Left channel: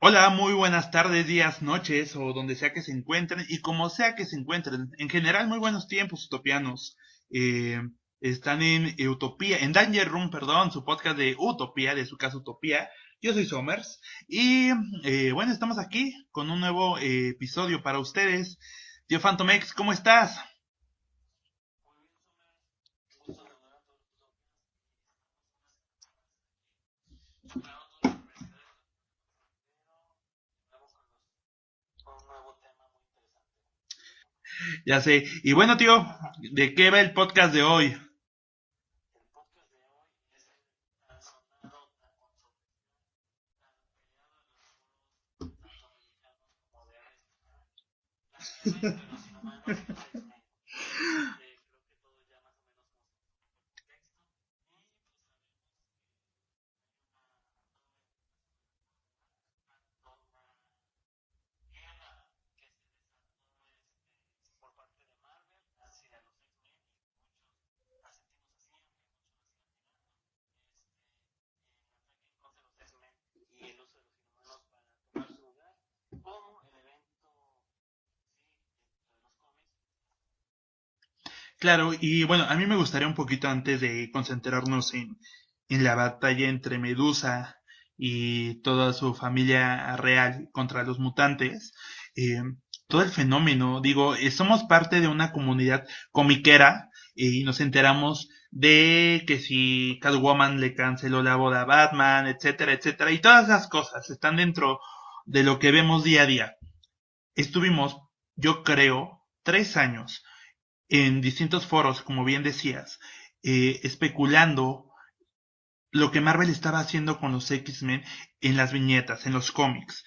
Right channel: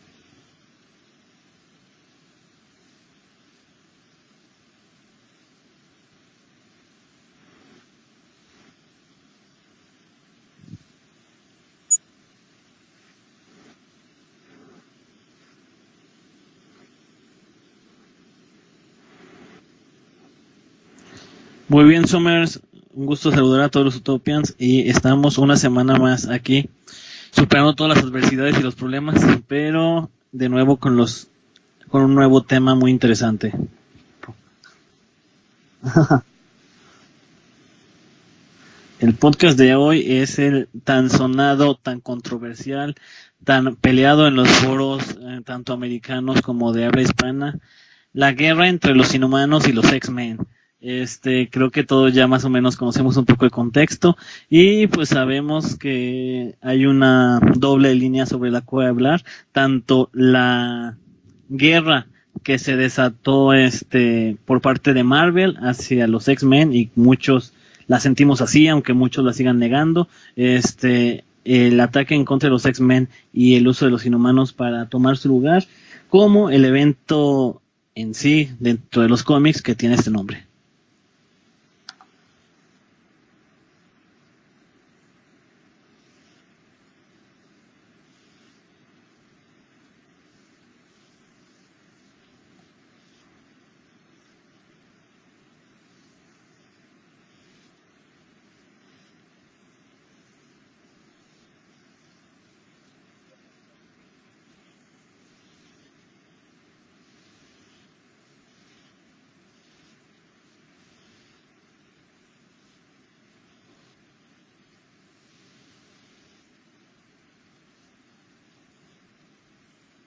Hola, muy buenas tardes, días, noches o donde sea que se encuentren y como sea que se encuentren. En general, muy buenos tiempos utopianos. Están en Utopía, en Danger Room, perdón, su podcast de Utopía, de su casa Utopía. Yo soy Somers y bueno, estamos aquí con un nuevo episodio para ustedes. Tío Phantomex, ¿cómo estás? Muy bien, Somers, un gusto saludar a todos los Utopians y estamos una semana más aquí superando todas las adversidades y los problemas, pero de nuevo con un nuevo tema muy interesante. Ya sé. Y bueno, tío, ¿de qué va el podcast de hoy? El podcast de hoy es el tan sonado, tan controversial, tan peleado en los foros, tanto americanos como de habla hispana, la guerra entre los inhumanos y los X-Men. Creo que todos ya más o menos conocemos un poco el contexto y pues sabemos que hay una doble línea sobre la cual hablar, tanto la guerra que se desató por parte de Marvel hacia los X-Men, y muchos la sentimos así, aunque muchos la sigan negando, el ataque en contra de los X-Men y el uso de los inhumanos para tomar su lugar, como el evento en sí dentro de los cómics que tiene este nombre. Claro, y bueno, a mí me gustaría un poquito antes de concentrarnos en la batalla entre Medusa y toda su familia real contra los mutantes, eh, todo el fenómeno, digo, somos parte de una comunidad comiquera y nos enteramos de que si Catwoman le canceló la boda a Batman, etcétera, etcétera, y todas esas cosas están dentro de lo que vemos día a día. Estuvimos, yo creo, 3 años en distintos foros, como bien decías, especulando lo que Marvel estaba haciendo con los X-Men en las viñetas, en los cómics.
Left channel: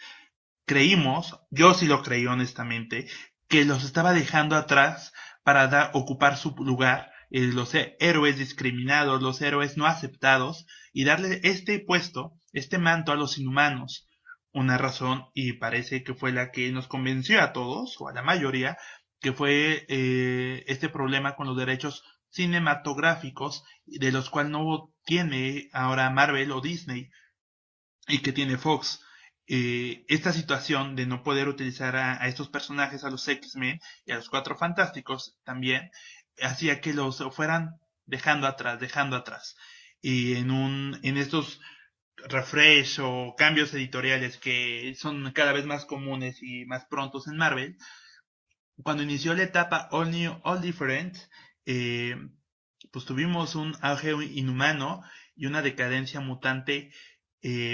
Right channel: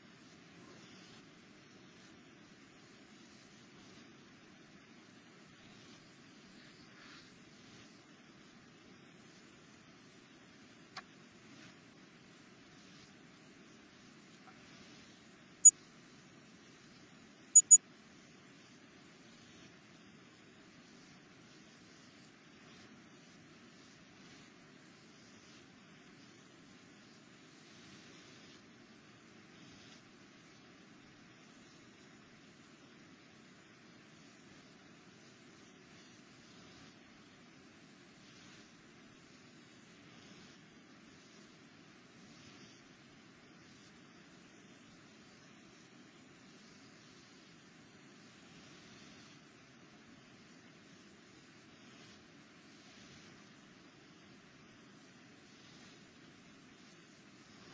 Creímos, yo sí lo creí honestamente, que los estaba dejando atrás para ocupar su lugar, los héroes discriminados, los héroes no aceptados, y darle este puesto, este manto a los inhumanos. Una razón, y parece que fue la que nos convenció a todos, o a la mayoría, que fue este problema con los derechos cinematográficos, de los cuales no tiene ahora Marvel o Disney, y que tiene Fox. Esta situación de no poder utilizar a estos personajes, a los X-Men y a los Cuatro Fantásticos también, hacía que los fueran dejando atrás. Y en estos refresh o cambios editoriales que son cada vez más comunes y más prontos en Marvel, cuando inició la etapa All New, All Different, pues tuvimos un auge inhumano y una decadencia mutante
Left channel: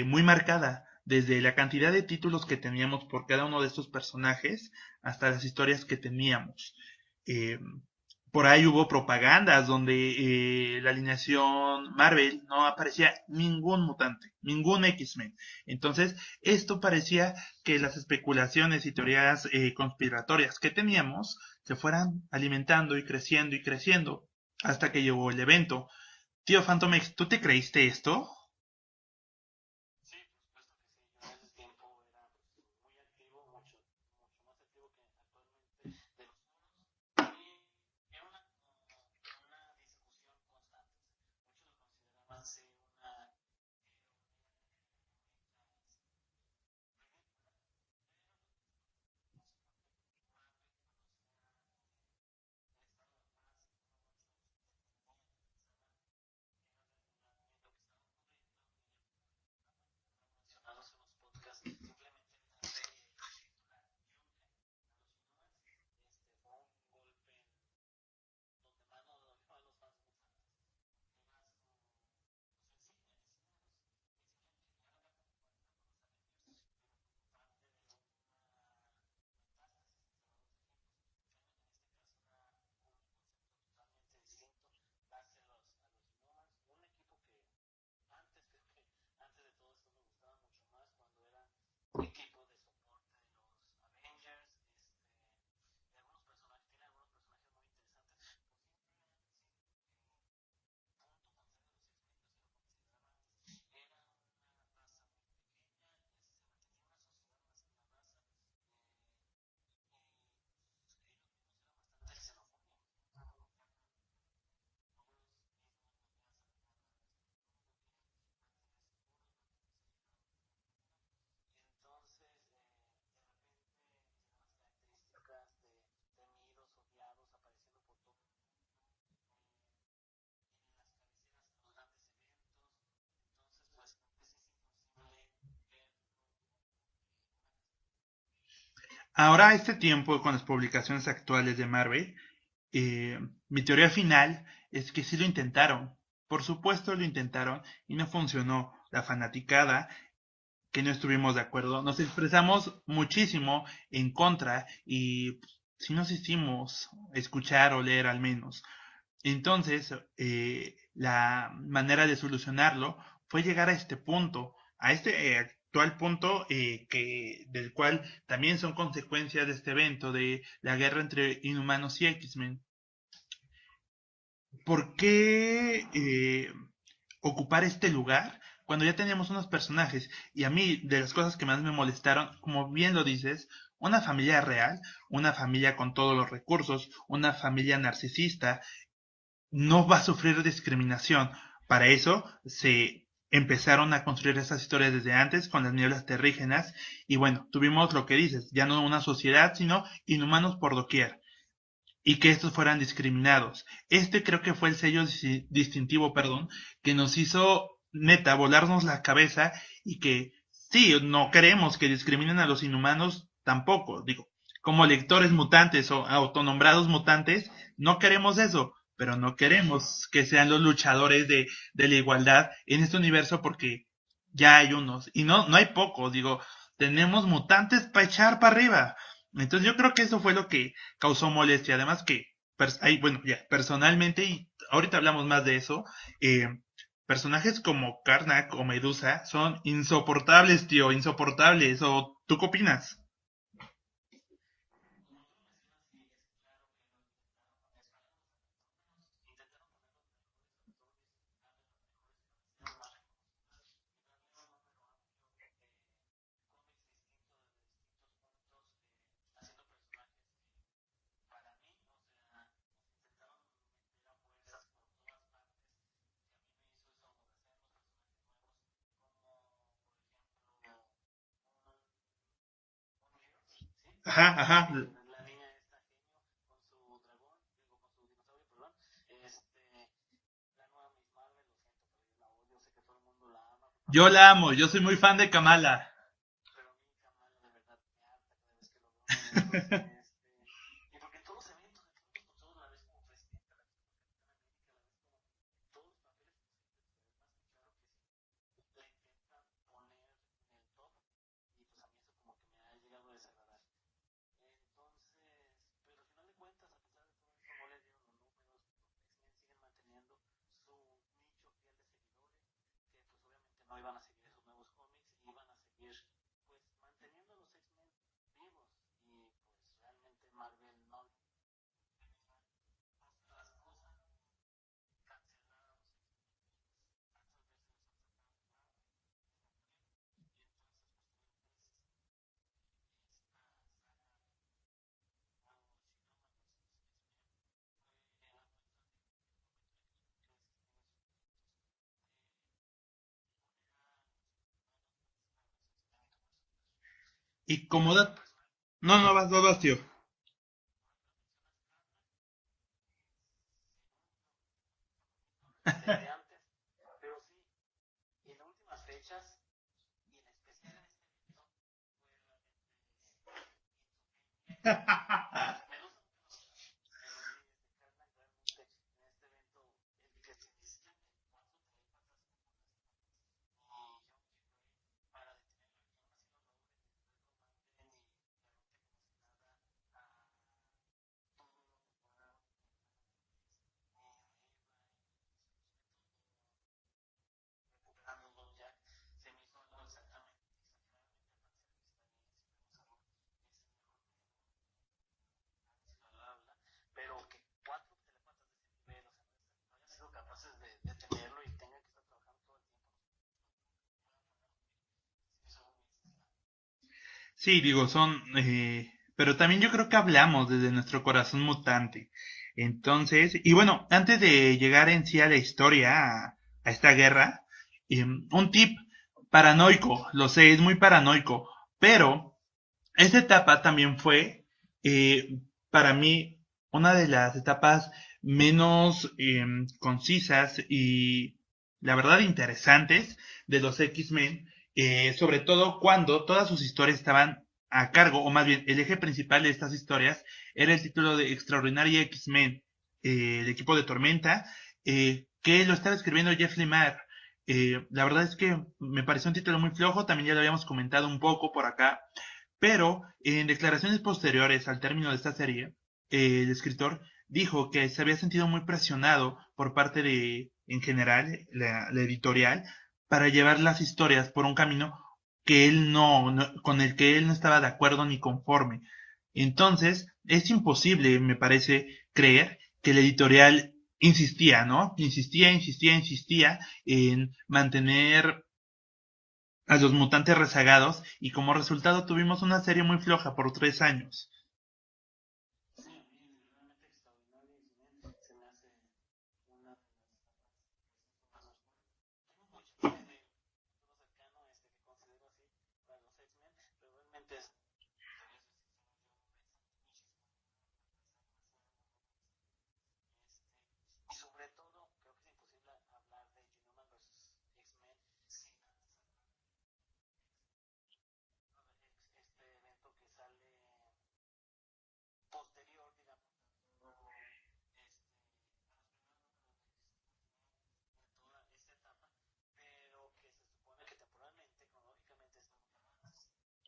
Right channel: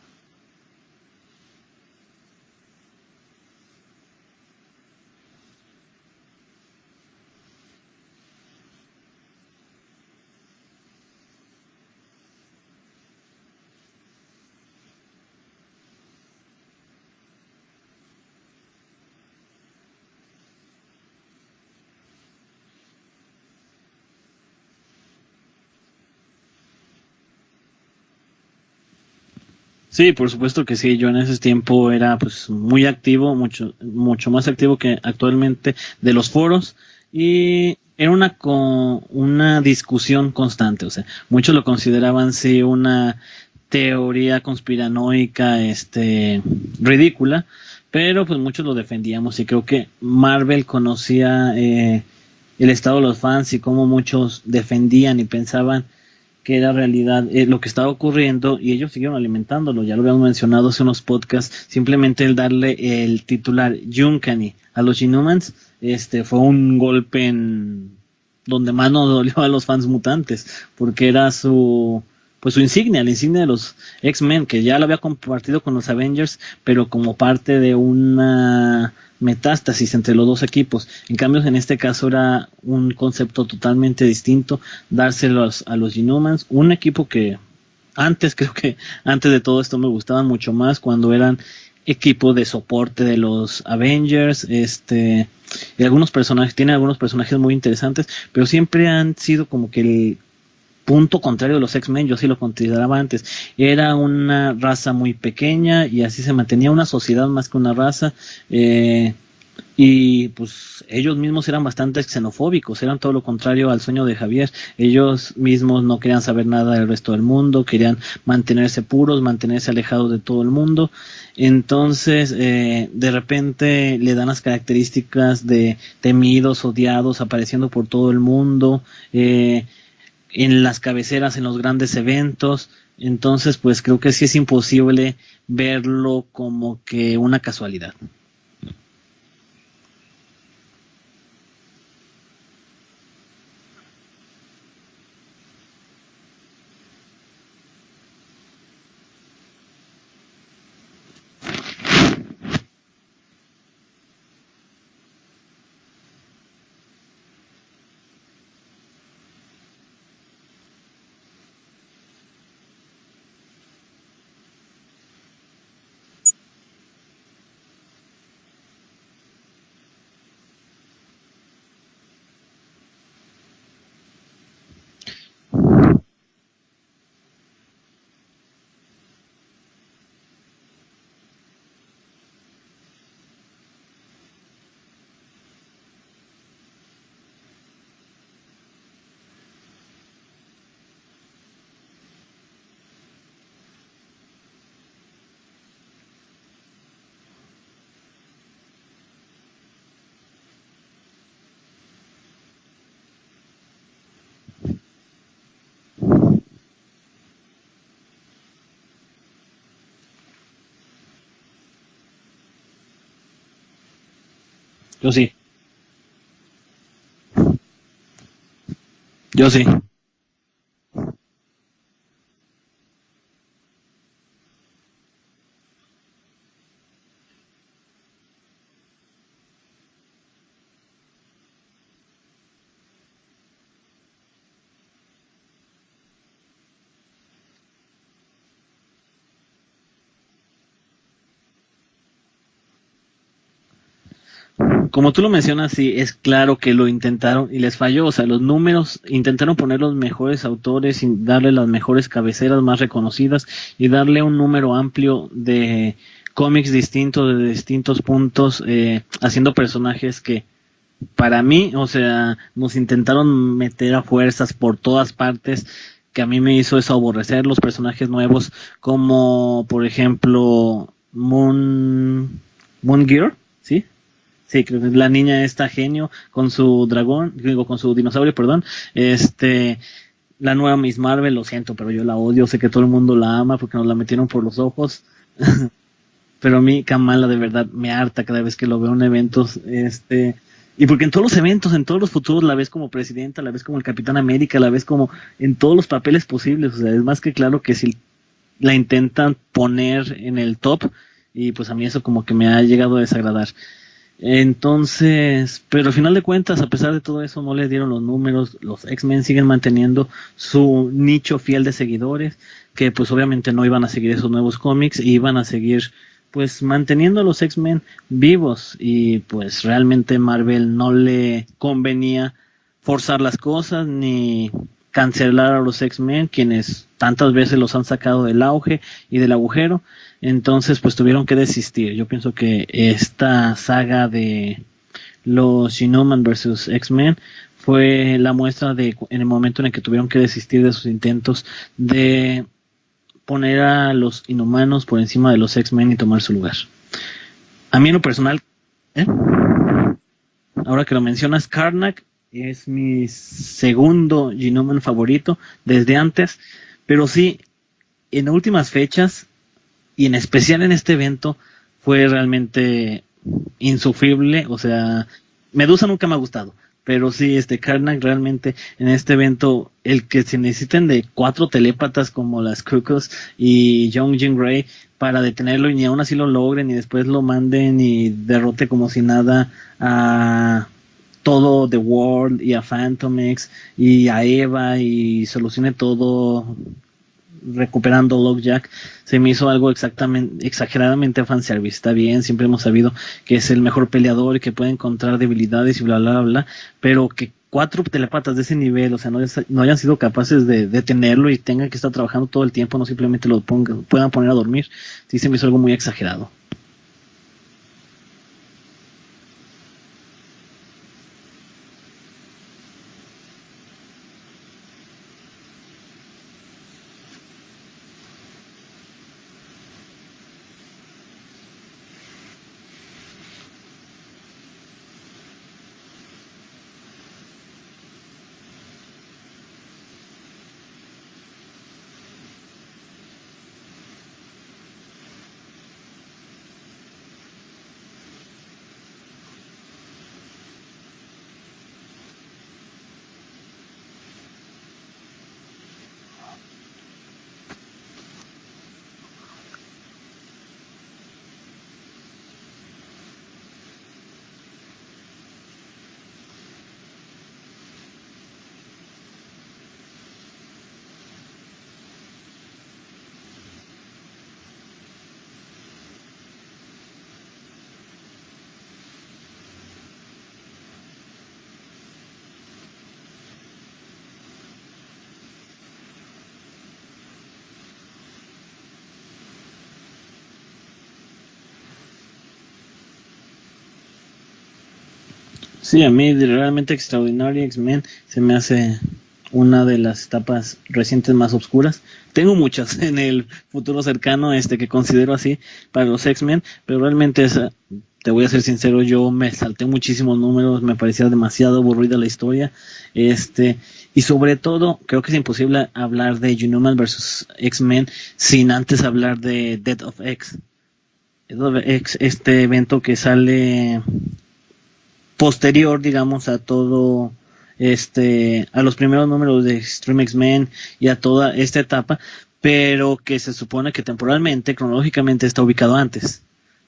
muy marcada, desde la cantidad de títulos que teníamos por cada uno de estos personajes hasta las historias que teníamos. Por ahí hubo propagandas donde la alineación Marvel no aparecía ningún mutante, ningún X-Men. Entonces, esto parecía que las especulaciones y teorías conspiratorias que teníamos se fueran alimentando y creciendo hasta que llegó el evento. Tío Phantomex, ¿tú te creíste esto? Sí, por supuesto que sí. Yo en ese tiempo era pues muy activo, mucho más activo que actualmente de los foros, y era una discusión constante. O sea, muchos lo consideraban sí una teoría conspiranoica, ridícula, pero pues muchos lo defendíamos, y creo que Marvel conocía el estado de los fans y cómo muchos defendían y pensaban que era realidad lo que estaba ocurriendo, y ellos siguieron alimentándolo. Ya lo habíamos mencionado hace unos podcasts. Simplemente el darle el titular Uncanny a los Inhumans fue un golpe en donde más nos dolió a los fans mutantes, porque era su insignia, la insignia de los X-Men, que ya lo había compartido con los Avengers, pero como parte de una metástasis entre los dos equipos. En cambio, en este caso era un concepto totalmente distinto, dárselo a los Inhumans, un equipo que antes, creo que antes de todo esto me gustaban mucho más cuando eran equipo de soporte de los Avengers, y algunos personajes, tiene algunos personajes muy interesantes, pero siempre han sido como que el punto contrario de los X-Men. Yo sí lo consideraba antes. Era una raza muy pequeña y así se mantenía una sociedad más que una raza. Y pues ellos mismos eran bastante xenofóbicos, eran todo lo contrario al sueño de Javier. Ellos mismos no querían saber nada del resto del mundo, querían mantenerse puros, mantenerse alejados de todo el mundo. Entonces, de repente le dan las características de temidos, odiados, apareciendo por todo el mundo, en las cabeceras, en los grandes eventos. Entonces, pues creo que sí es imposible verlo como que una casualidad. Ahora, a este tiempo, con las publicaciones actuales de Marvel, mi teoría final es que sí lo intentaron. Por supuesto lo intentaron y no funcionó. La fanaticada, que no estuvimos de acuerdo, nos expresamos muchísimo en contra y sí nos hicimos escuchar o leer al menos. Entonces, la manera de solucionarlo fue llegar a este punto, a este actual punto del cual también son consecuencias de este evento, de la guerra entre Inhumanos y X-Men. ¿Por qué ocupar este lugar cuando ya teníamos unos personajes? Y a mí, de las cosas que más me molestaron, como bien lo dices, una familia real, una familia con todos los recursos, una familia narcisista, no va a sufrir discriminación. Para eso se empezaron a construir esas historias desde antes con las nieblas terrígenas y bueno, tuvimos lo que dices, ya no una sociedad, sino inhumanos por doquier y que estos fueran discriminados. Este creo que fue el sello distintivo, perdón, que nos hizo neta volarnos la cabeza y que sí, no queremos que discriminen a los inhumanos tampoco, digo, como Yo lectores sí, mutantes o autonombrados mutantes, no queremos eso, pero no yo sí. queremos que sean los luchadores de la igualdad en este universo porque ya hay unos, y no hay pocos, digo, tenemos mutantes para echar para arriba. Entonces yo creo que eso fue lo que causó molestia. Además que, bueno, ya, personalmente, y ahorita hablamos más de eso, personajes como Karnak o Medusa son insoportables, tío, insoportables. ¿O tú qué opinas? Como tú lo mencionas, sí, es claro que lo intentaron y les falló. O sea, los números intentaron poner los mejores autores y darle las mejores cabeceras más reconocidas y darle un número amplio de cómics distintos, de distintos puntos, haciendo personajes que para mí, o sea, nos intentaron meter a fuerzas por todas partes, que a mí me hizo eso aborrecer los personajes nuevos, como por ejemplo Moon Gear, ¿sí? Ajá, Sí, ajá. que la niña está genio con su dragón, digo, con su dinosaurio, perdón. La nueva Miss Marvel, lo siento, pero yo la odio, sé que todo el mundo la ama porque nos la Yo metieron la por amo, los yo soy muy ojos, fan de Kamala. pero a mí Kamala de verdad me harta cada vez que lo veo en eventos, y porque en todos los eventos, en todos los futuros la ves como presidenta, la ves como el Capitán América, la ves como en todos los papeles posibles, o sea, es más que claro que si la intentan poner en el top, y pues a mí eso como que me ha llegado a desagradar. Entonces, pero al final de cuentas, a pesar de todo eso, no les dieron los números. Los X-Men siguen manteniendo su nicho fiel de seguidores, que pues obviamente no iban a seguir esos nuevos cómics, y iban a seguir pues manteniendo a los X-Men vivos, y pues realmente Marvel no le convenía forzar las cosas ni cancelar a los X-Men, quienes tantas veces los han sacado del auge y del agujero. Entonces, pues tuvieron que desistir. Yo pienso que esta saga de los Inhuman versus X-Men fue la muestra de en el momento en el que tuvieron que desistir de sus intentos de poner a los Inhumanos por encima de los X-Men y tomar su lugar. Y A mí como en lo dato... personal, No, ¿eh? no, vas, tío. Ahora que lo mencionas, Karnak es mi segundo Inhuman favorito desde antes, pero sí, en últimas fechas y en especial en este evento fue realmente insufrible. O sea, Medusa nunca me ha gustado, pero sí, Karnak realmente en este evento, el que se necesiten de 4 telépatas como las Cuckoos y Young Jean Grey para detenerlo, y ni aún así lo logren y después lo manden y derrote como si nada a todo The World y a Phantom X y a Eva y solucione todo recuperando Lockjack, se me hizo algo exageradamente fanservice. Está bien, siempre hemos sabido que es el mejor peleador y que puede encontrar debilidades y bla, bla, bla, pero que 4 telepatas de ese nivel, o sea, no hayan sido capaces de detenerlo y tengan que estar trabajando todo el tiempo, no simplemente puedan poner a dormir, sí se me hizo algo muy exagerado. Sí, digo, pero también yo creo que hablamos desde nuestro corazón mutante. Entonces, y bueno, antes de llegar en sí a la historia, a esta guerra, un tip paranoico, lo sé, es muy paranoico, pero esta etapa también fue, eh, para mí, una de las etapas menos concisas y, la verdad, interesantes de los X-Men, sobre todo cuando todas sus historias estaban a cargo, o más bien, el eje principal de estas historias era el título de Extraordinary X-Men, el equipo de Tormenta, que lo estaba escribiendo Jeff Lemire. La verdad es que me pareció un título muy flojo, también ya lo habíamos comentado un poco por acá, pero en declaraciones posteriores al término de esta serie, el escritor dijo que se había sentido muy presionado por parte de, en general, la editorial, para llevar las historias por un camino que él con el que él no estaba de acuerdo ni conforme. Entonces, es imposible, me parece, creer que la editorial insistía, ¿no? Insistía en mantener a los mutantes rezagados y como resultado tuvimos una serie muy floja por 3 años. Sí, a mí realmente Extraordinary X-Men se me hace una de las etapas recientes más oscuras. Tengo muchas en el futuro cercano que considero así para los X-Men, pero realmente esa, te voy a ser sincero, yo me salté muchísimos números, me parecía demasiado aburrida la historia, y sobre todo creo que es imposible hablar de Unhuman versus X-Men sin antes hablar de Death of X. Death of X, este evento que sale posterior, digamos, a todo a los primeros números de Extreme X-Men y a toda esta etapa, pero que se supone que temporalmente, cronológicamente está ubicado antes.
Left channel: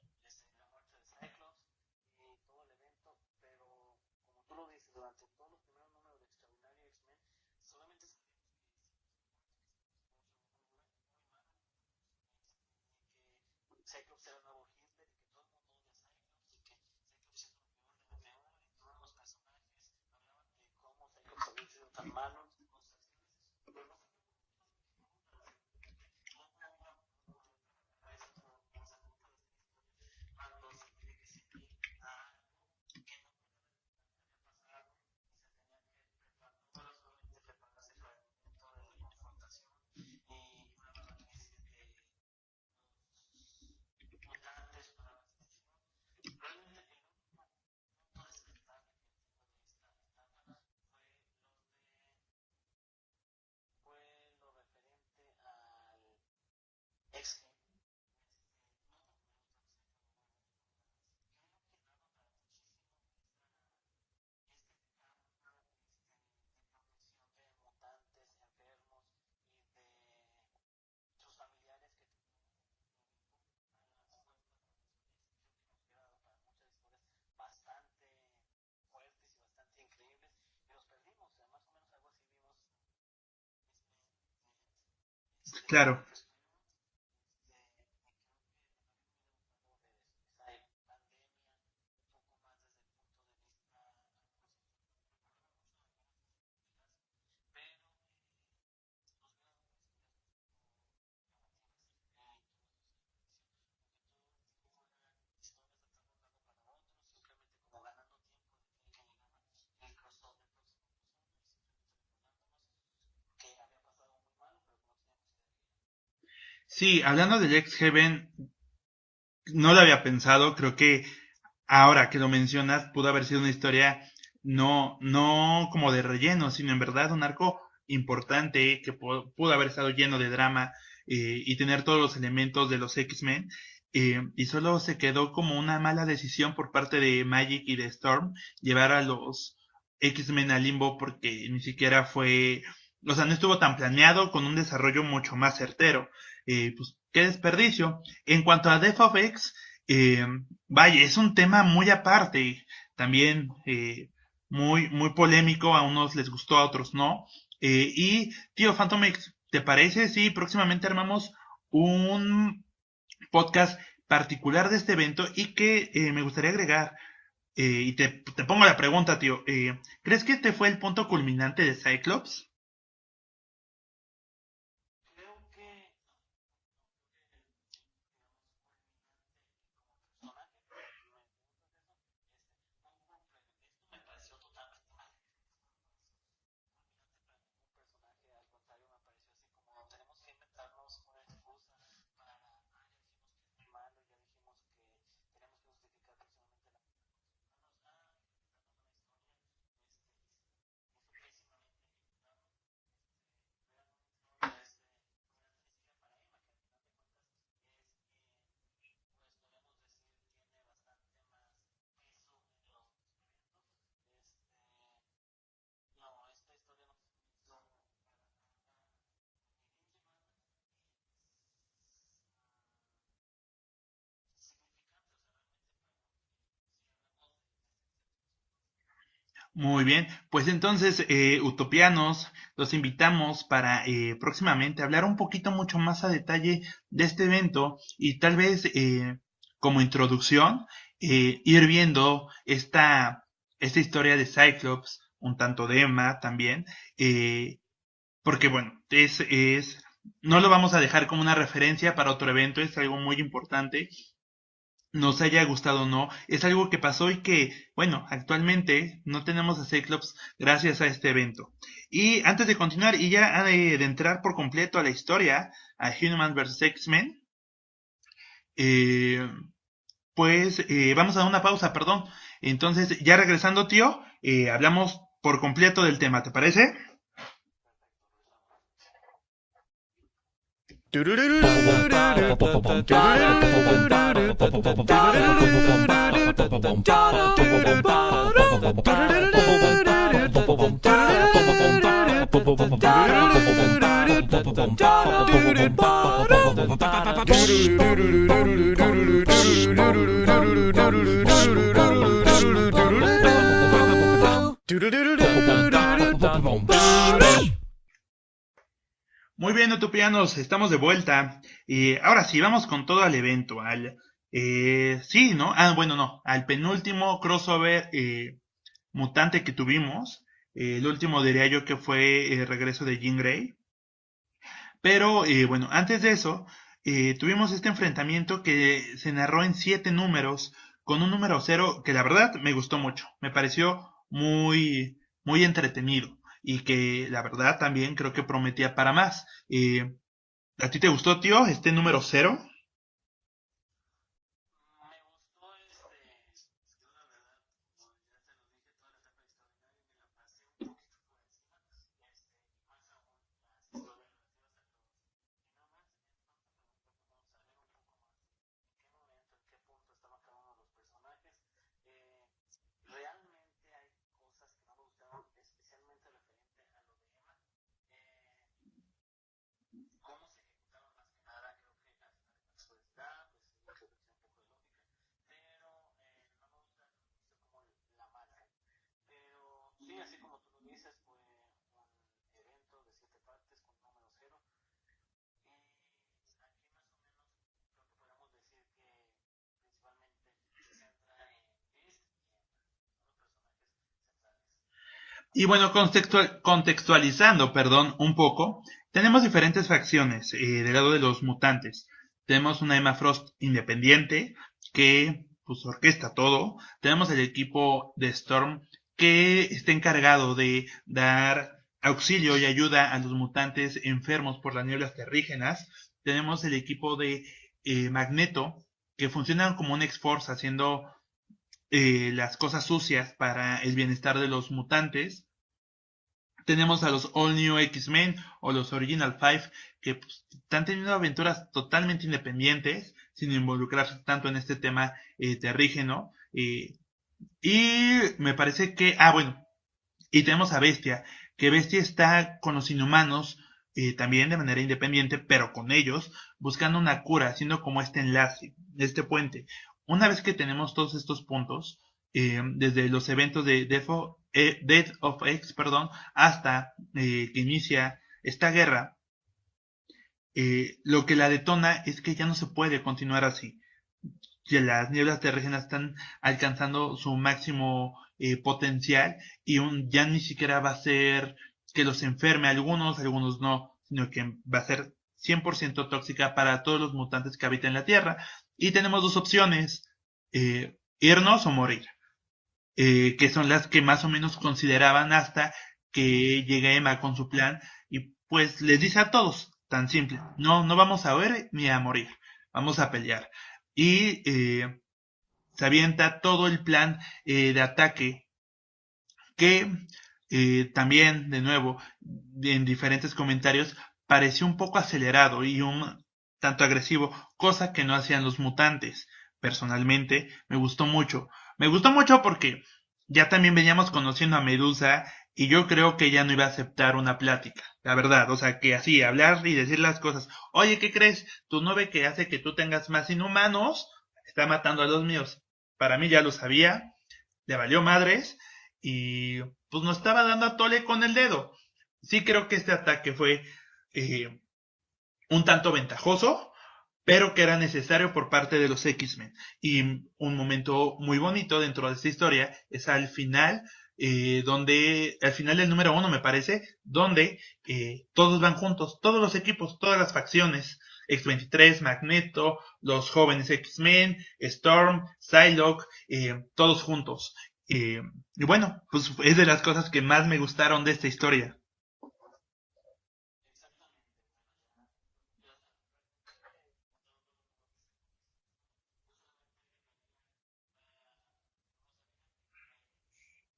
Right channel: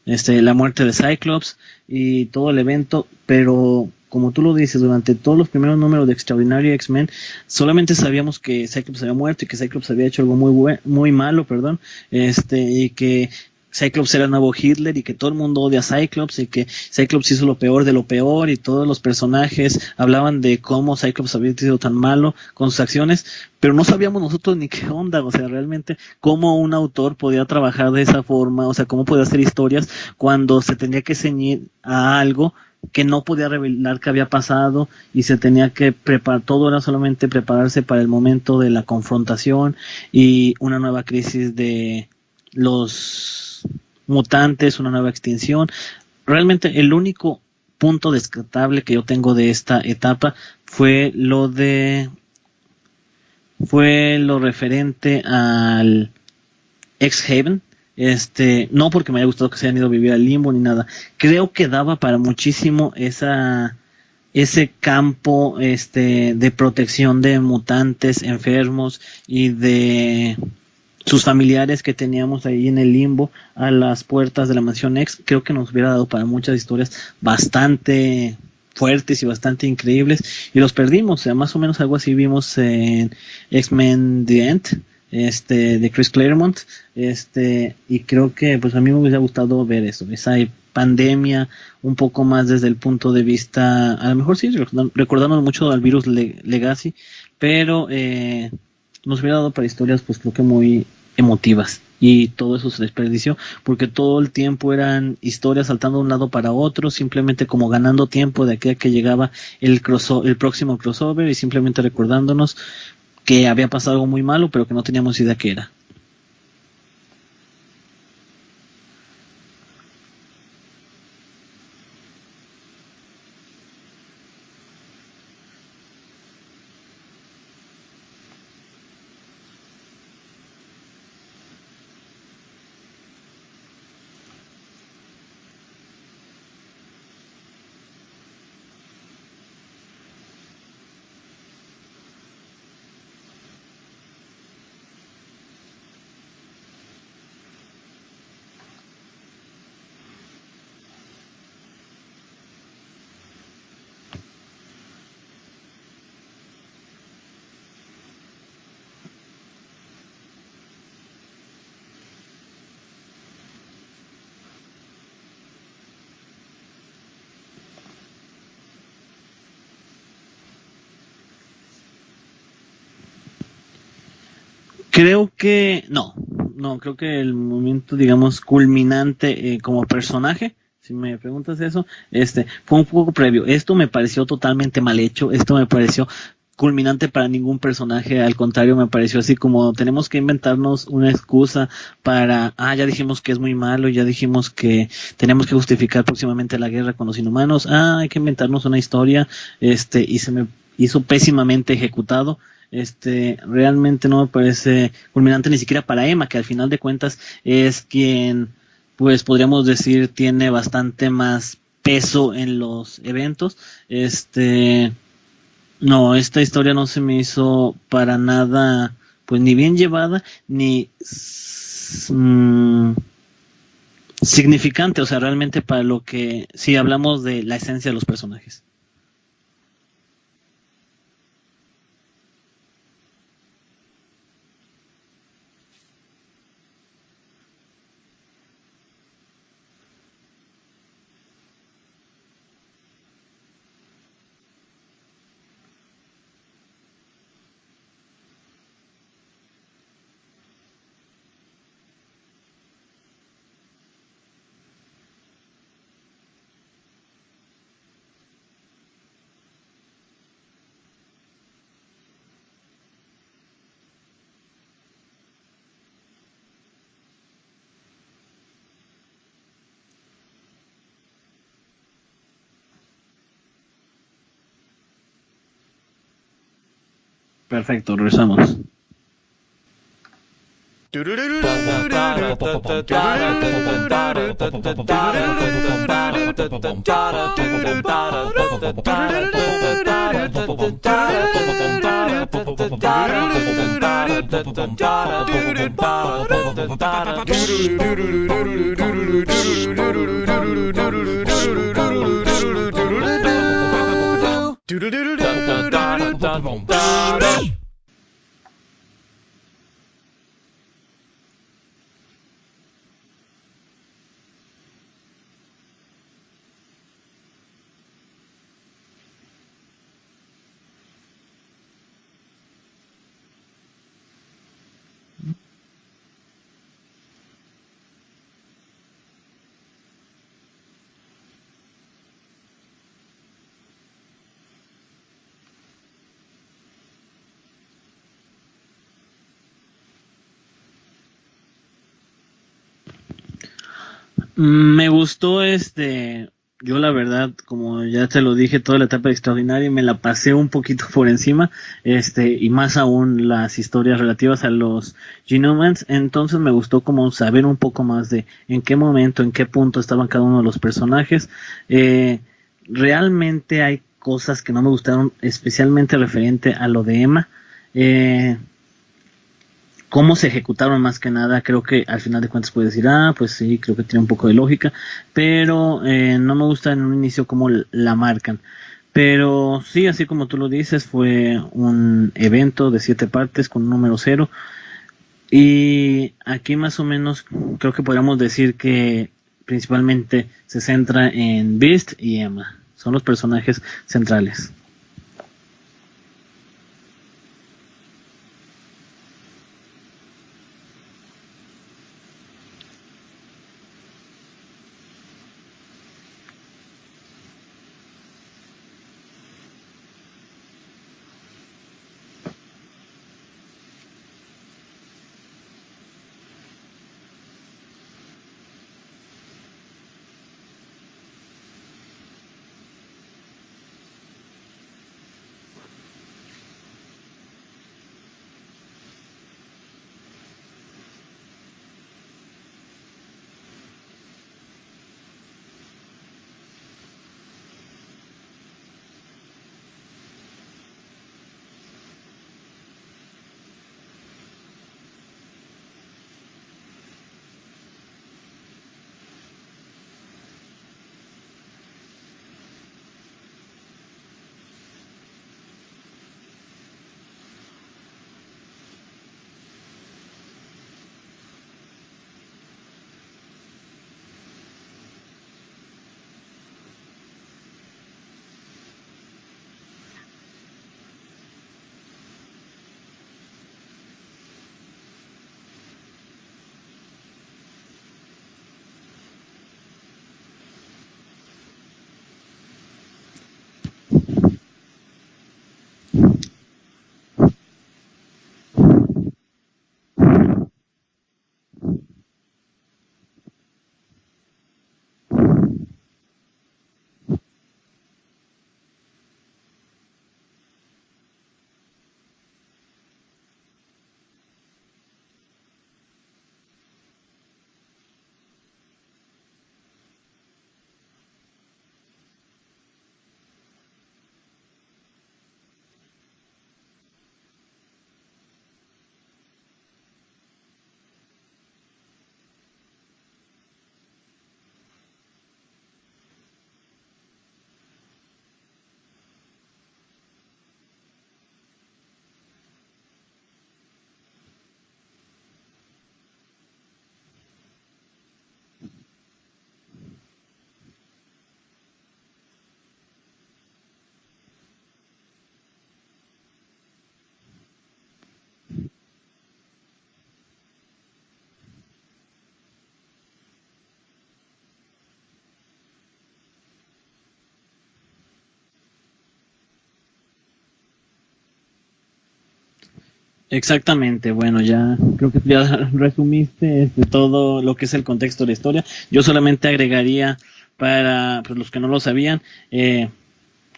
La muerte de Cyclops y todo el evento, pero como tú lo dices, durante todos los primeros números de Extraordinary X-Men, solamente sabíamos que Cyclops había muerto y que Cyclops había hecho algo muy malo, perdón, y que Cyclops era el nuevo Hitler y que todo el mundo odia a Cyclops y que Cyclops hizo lo peor de lo peor y todos los personajes hablaban de cómo Cyclops había sido tan malo con sus acciones, pero no sabíamos nosotros ni qué onda, o sea, realmente cómo un autor podía trabajar de esa forma, o sea, cómo podía hacer historias cuando se tenía que ceñir a algo que no podía revelar qué había pasado y se tenía que preparar, todo era solamente prepararse para el momento de la confrontación y una nueva crisis de los mutantes, una nueva extinción. Realmente el único punto descartable que yo tengo de esta etapa fue lo referente al X-Haven. No porque me haya gustado que se hayan ido a vivir al limbo ni nada. Creo que daba para muchísimo ese campo de protección de mutantes enfermos y de sus familiares que teníamos ahí en el limbo a las puertas de la mansión X. Creo que nos hubiera dado para muchas historias bastante fuertes y bastante increíbles y los perdimos. O sea, más o menos algo así vimos en X-Men The End, de Claro. Chris Claremont, y creo que pues a mí me hubiera gustado ver eso, esa pandemia un poco más desde el punto de vista, a lo mejor sí recordamos mucho al virus Legacy, pero nos hubiera dado para historias pues creo que muy emotivas y todo eso se desperdició porque todo el tiempo eran historias saltando de un lado para otro, simplemente como ganando tiempo de aquí a que llegaba el próximo crossover y simplemente recordándonos que había pasado algo muy malo pero que no teníamos idea qué era. Sí, hablando del X-Heaven, no lo había pensado, creo que ahora que lo mencionas, pudo haber sido una historia no como de relleno, sino en verdad un arco importante que pudo haber estado lleno de drama y tener todos los elementos de los X-Men. Y solo se quedó como una mala decisión por parte de Magic y de Storm llevar a los X-Men al limbo porque ni siquiera fue, o sea, no estuvo tan planeado con un desarrollo mucho más certero. Pues qué desperdicio. En cuanto a Death of X, eh, vaya, es un tema muy aparte, también muy polémico, a unos les gustó, a otros no. Y, tío, Phantom X, ¿te parece si próximamente armamos un podcast particular de este evento? Y que me gustaría agregar, y te pongo la pregunta, tío, ¿crees que este fue el punto culminante de Cyclops? Creo que no, creo que el momento, digamos, culminante como personaje, si me preguntas eso, fue un poco previo. Esto me pareció totalmente mal hecho, esto me pareció culminante para ningún personaje, al contrario, me pareció así como tenemos que inventarnos una excusa para, ya dijimos que es muy malo, ya dijimos que tenemos que justificar próximamente la guerra con los inhumanos, hay que inventarnos una historia, y se me hizo pésimamente ejecutado. Realmente no me parece culminante ni siquiera para Emma, que al final de cuentas es quien, pues podríamos decir, tiene bastante más peso en los eventos. No, esta historia no se me hizo para nada, pues ni bien llevada, ni significante, o sea, realmente para lo que, si hablamos de la esencia de los personajes. Muy bien, pues entonces, utopianos, los invitamos para próximamente hablar un poquito mucho más a detalle de este evento y tal vez como introducción ir viendo esta historia de Cyclops, un tanto de Emma también, porque bueno, no lo vamos a dejar como una referencia para otro evento, es algo muy importante, nos haya gustado o no, es algo que pasó y que, bueno, actualmente no tenemos a Cyclops gracias a este evento. Y antes de continuar y ya de entrar por completo a la historia, a Human vs. X-Men, eh, pues vamos a una pausa, perdón. Entonces, ya regresando, tío, hablamos por completo del tema, ¿te parece? Perfecto, regresamos. Muy bien, utopianos, estamos de vuelta. Y ahora sí, vamos con todo al evento. Sí, ¿no? Bueno, no. Al penúltimo crossover mutante que tuvimos. El último diría yo que fue el regreso de Jean Grey. Pero bueno, antes de eso, tuvimos este enfrentamiento que se narró en 7 números, con un número 0 que la verdad me gustó mucho. Me pareció muy entretenido y que la verdad también creo que prometía para más. ¿A ti te gustó, tío, este número 0? Me gustó yo la verdad, como ya te lo dije, toda la etapa extraordinaria me la pasé un poquito por encima, y más aún las historias relativas a los Genomans, entonces me gustó como saber un poco más de en qué momento, en qué punto estaban cada uno de los personajes. Realmente hay cosas que no me gustaron, especialmente referente a lo de Emma. Cómo se ejecutaron más que nada, creo que al final de cuentas puedes decir, pues sí, creo que tiene un poco de lógica, pero no me gusta en un inicio cómo la marcan. Pero sí, así como tú lo dices, fue un evento de 7 partes con un número 0. Y aquí más o menos creo que podríamos decir que principalmente se centra en Beast y Emma. Son los personajes centrales. Y bueno, contextualizando, perdón, un poco, tenemos diferentes facciones del lado de los mutantes. Tenemos una Emma Frost independiente que pues orquesta todo. Tenemos el equipo de Storm que está encargado de dar auxilio y ayuda a los mutantes enfermos por las nieblas terrígenas. Tenemos el equipo de Magneto que funcionan como un X-Force haciendo las cosas sucias para el bienestar de los mutantes. Tenemos a los All New X-Men o los Original Five que pues, están teniendo aventuras totalmente independientes sin involucrarse tanto en este tema terrígeno. Y me parece que, bueno, y tenemos a Bestia, que Bestia está con los inhumanos también de manera independiente, pero con ellos, buscando una cura, haciendo como este enlace, este puente. Una vez que tenemos todos estos puntos, desde los eventos de Death of X, perdón, hasta que inicia esta guerra, lo que la detona es que ya no se puede continuar así. Ya las nieblas terrígenas están alcanzando su máximo potencial y ya ni siquiera va a ser que los enferme a algunos no, sino que va a ser 100% tóxica para todos los mutantes que habitan la Tierra. Y tenemos dos opciones, eh, irnos o morir, que son las que más o menos consideraban hasta que llegue Emma con su plan y pues les dice a todos, tan simple, no, no vamos a ver ni a morir, vamos a pelear. Y se avienta todo el plan de ataque que también, de nuevo, en diferentes comentarios, pareció un poco acelerado y un tanto agresivo, cosa que no hacían los mutantes. Personalmente, me gustó mucho. Me gustó mucho porque ya también veníamos conociendo a Medusa y yo creo que ella no iba a aceptar una plática, la verdad. O sea, que así, hablar y decir las cosas. Oye, ¿qué crees? Tu nube que hace que tú tengas más inhumanos está matando a los míos. Para mí ya lo sabía, le valió madres y pues nos estaba dando a tole con el dedo. Sí creo que este ataque fue eh, un tanto ventajoso, pero que era necesario por parte de los X-Men. Y un momento muy bonito dentro de esta historia es al final, al final del número 1 me parece, donde todos van juntos, todos los equipos, todas las facciones, X-23, Magneto, los jóvenes X-Men, Storm, Psylocke, todos juntos. Y bueno, pues es de las cosas que más me gustaron de esta historia. Exactamente, bueno, ya creo que ya resumiste todo lo que es el contexto de la historia. Yo solamente agregaría para pues, los que no lo sabían,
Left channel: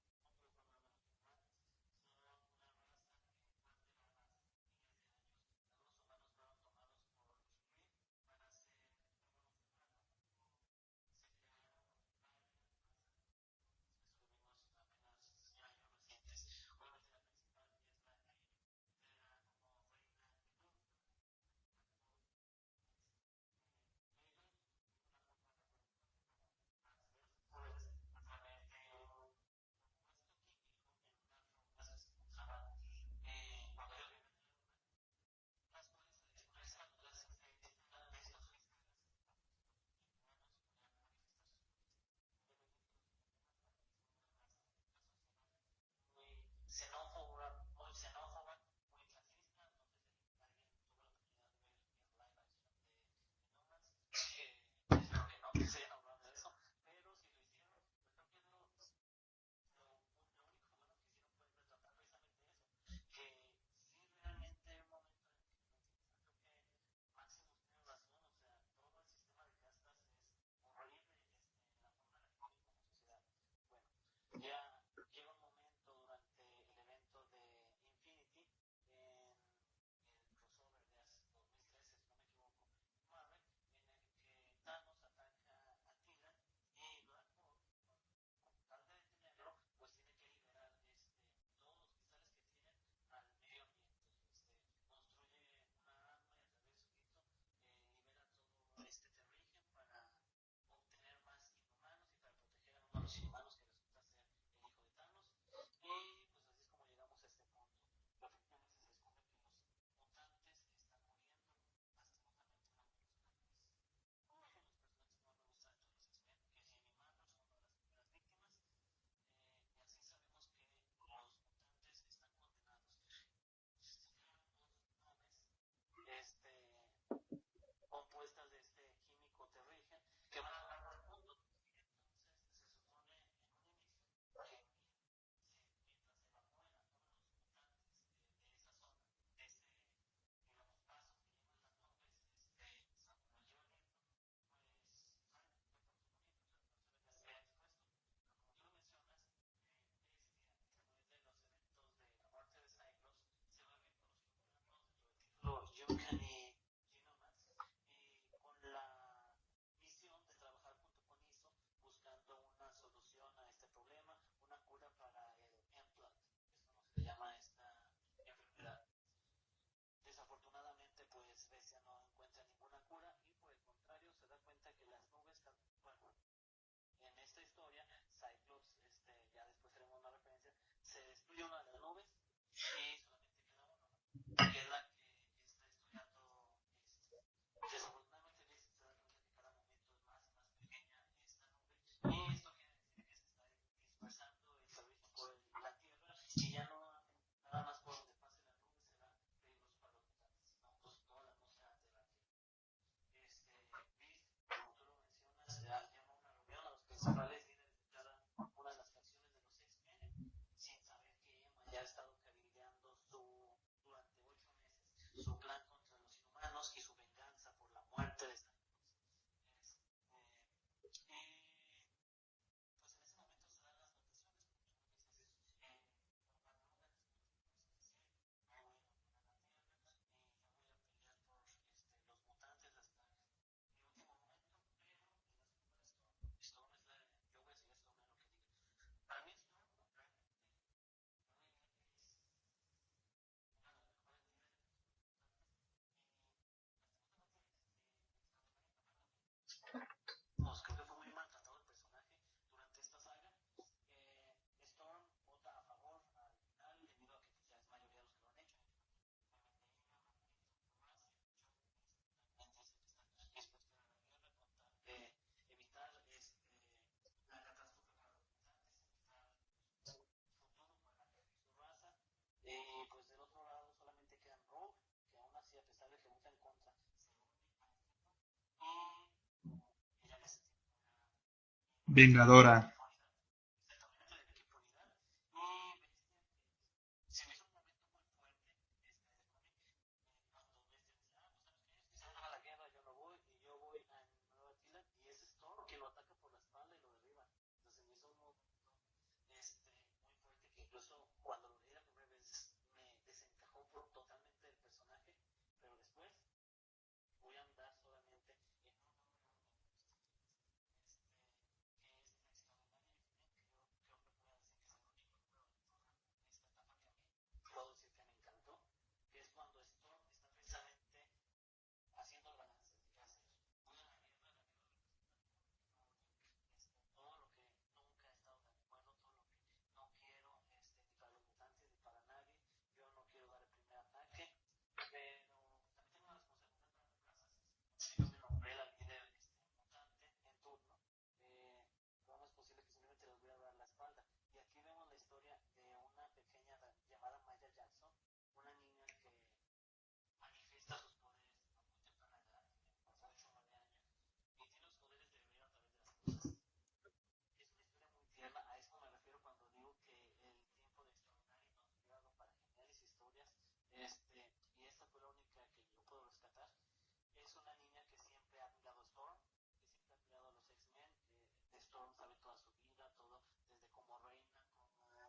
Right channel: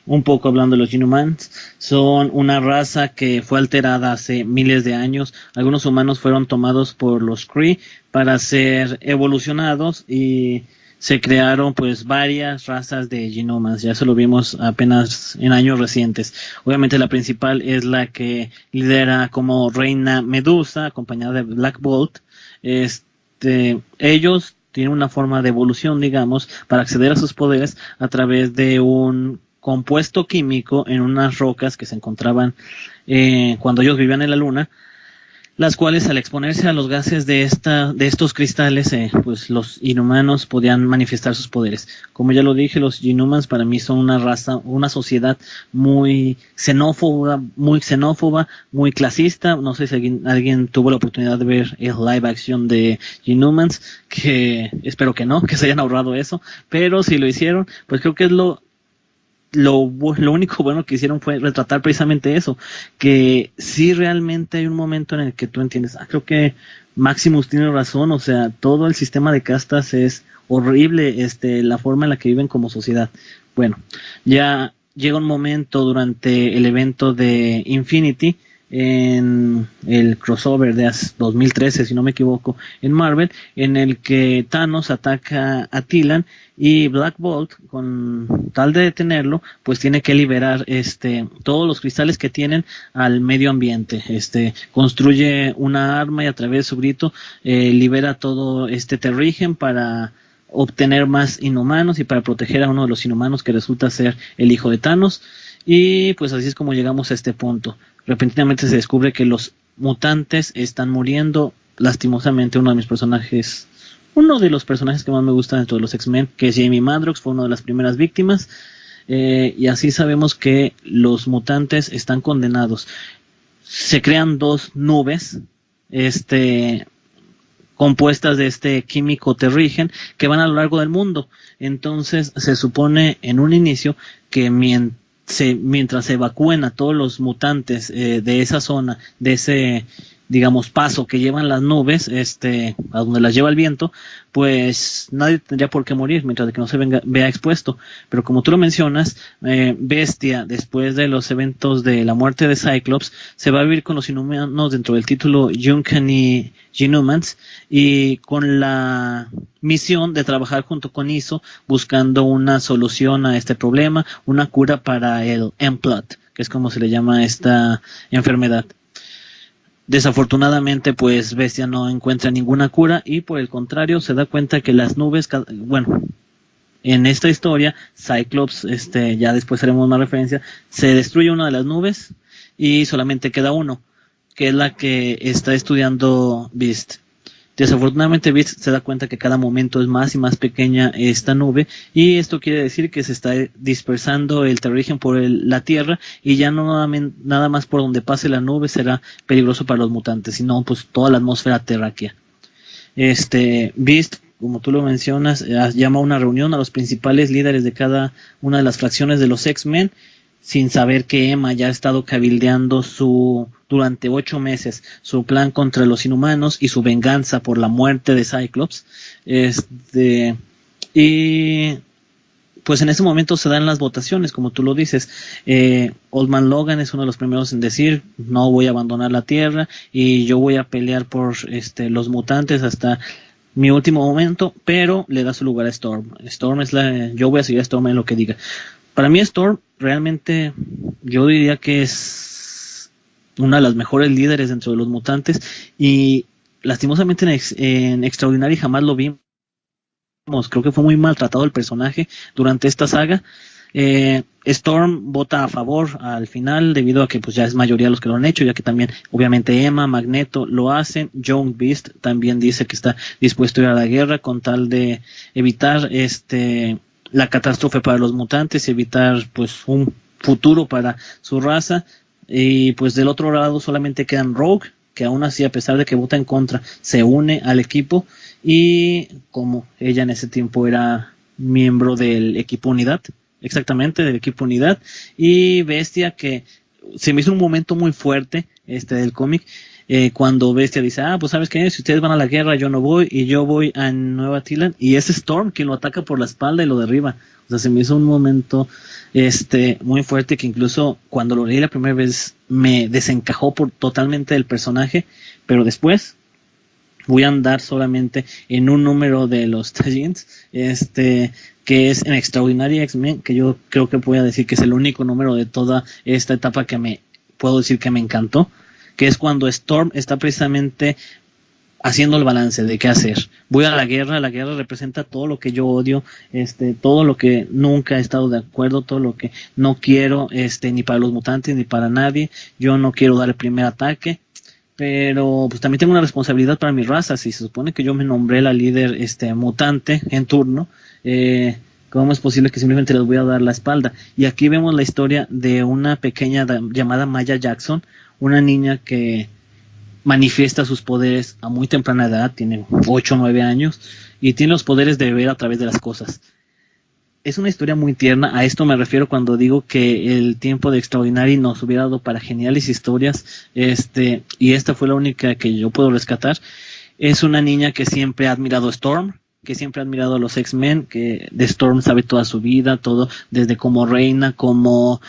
un poco hablando de los Inhumans, son una raza que fue alterada hace miles de años. Algunos humanos fueron tomados por los Kree para ser evolucionados y se crearon pues varias razas de Inhumans. Ya eso lo vimos apenas en años recientes. Obviamente la principal es la que lidera como reina Medusa, acompañada de Black Bolt. Ellos tienen una forma de evolución, digamos, para acceder a sus poderes a través de un compuesto químico en unas rocas que se encontraban cuando ellos vivían en la luna, las cuales al exponerse a los gases de estos cristales, pues los inhumanos podían manifestar sus poderes. Como ya lo dije, los Inhumans para mí son una raza, una sociedad muy xenófoba, muy clasista. No sé si alguien tuvo la oportunidad de ver el live action de Inhumans, que espero que no, que se hayan ahorrado eso, pero si lo hicieron, pues creo que es lo único bueno que hicieron fue retratar precisamente eso, que sí realmente hay un momento en el que tú entiendes, creo que Maximus tiene razón, o sea, todo el sistema de castas es horrible, la forma en la que viven como sociedad. Bueno, ya llega un momento durante el evento de Infinity, en el crossover de 2013, si no me equivoco, en Marvel, en el que Thanos ataca a Tilan y Black Bolt, con tal de detenerlo, pues tiene que liberar todos los cristales que tienen al medio ambiente. Construye una arma y a través de su grito libera todo este Terrigen para obtener más inhumanos y para proteger a uno de los inhumanos que resulta ser el hijo de Thanos. Y pues así es como llegamos a este punto. Repentinamente se descubre que los mutantes están muriendo. Lastimosamente uno de los personajes que más me gustan dentro de los X-Men, que es Jamie Madrox, fue una de las primeras víctimas. Y así sabemos que los mutantes están condenados. Se crean dos nubes compuestas de este químico Terrigen que van a lo largo del mundo. Entonces se supone en un inicio que mientras se evacúen a todos los mutantes de esa zona, de ese, digamos, paso que llevan las nubes, a donde las lleva el viento, pues nadie tendría por qué morir mientras de que no se vea expuesto. Pero como tú lo mencionas, Bestia, después de los eventos de la muerte de Cyclops, se va a vivir con los inhumanos dentro del título Uncanny Inhumans y con la misión de trabajar junto con ISO buscando una solución a este problema, una cura para el M-Plot, que es como se le llama a esta enfermedad. Desafortunadamente, pues Bestia no encuentra ninguna cura y por el contrario se da cuenta que las nubes, bueno, en esta historia, Cyclops, ya después haremos una referencia, se destruye una de las nubes y solamente queda uno. que es la que está estudiando Beast. Desafortunadamente Beast se da cuenta que cada momento es más y más pequeña esta nube, y esto quiere decir que se está dispersando el terrígeno por la Tierra, y ya no nada más por donde pase la nube será peligroso para los mutantes, sino pues toda la atmósfera terráquea. Beast, como tú lo mencionas, llama a una reunión a los principales líderes de cada una de las fracciones de los X-Men, sin saber que Emma ya ha estado cabildeando durante 8 meses su plan contra los inhumanos y su venganza por la muerte de Cyclops. Y pues en ese momento se dan las votaciones, como tú lo dices. Old Man Logan es uno de los primeros en decir: no voy a abandonar la Tierra y yo voy a pelear por los mutantes hasta mi último momento, pero le da su lugar a Storm. Yo voy a seguir a Storm en lo que diga. Para mí Storm realmente yo diría que es una de las mejores líderes dentro de los mutantes, y lastimosamente en Extraordinary jamás lo vimos. Creo que fue muy maltratado el personaje durante esta saga. Storm vota a favor al final debido a que pues ya es mayoría los que lo han hecho, ya que también obviamente Emma, Magneto lo hacen. Young Beast también dice que está dispuesto a ir a la guerra con tal de evitar la catástrofe para los mutantes, evitar pues un futuro para su raza. Y pues del otro lado solamente quedan Rogue, que aún así, a pesar de que vota en contra, se une al equipo, y como ella en ese tiempo era miembro del Vengadora. equipo Unidad, exactamente, del equipo Unidad, y Bestia, que se me hizo un momento muy fuerte del cómic, cuando Bestia dice: pues sabes qué, si ustedes van a la guerra yo no voy, y yo voy a Nueva Tilan, y es Storm quien lo ataca por la espalda y lo derriba. O sea, se me hizo un momento muy fuerte, que incluso cuando lo leí la primera vez me desencajó totalmente del personaje, pero después voy a andar solamente en un número de los Tallins, que es en Extraordinary X-Men, que yo creo que voy a decir que es el único número de toda esta etapa que puedo decir que me encantó, que es cuando Storm está precisamente haciendo el balance de qué hacer. Voy a la guerra representa todo lo que yo odio, todo lo que nunca he estado de acuerdo, todo lo que no quiero, ni para los mutantes ni para nadie. Yo no quiero dar el primer ataque, pero pues también tengo una responsabilidad para mi raza. Si se supone que yo me nombré la líder mutante en turno, ¿cómo es posible que simplemente les voy a dar la espalda? Y aquí vemos la historia de una pequeña llamada Maya Jackson, una niña que manifiesta sus poderes a muy temprana edad, tiene 8 o 9 años, y tiene los poderes de ver a través de las cosas. Es una historia muy tierna, a esto me refiero cuando digo que el tiempo de Extraordinary nos hubiera dado para geniales historias, y esta fue la única que yo puedo rescatar. Es una niña que siempre ha admirado a Storm, que siempre ha admirado a los X-Men, que de Storm sabe toda su vida, todo, desde como reina, como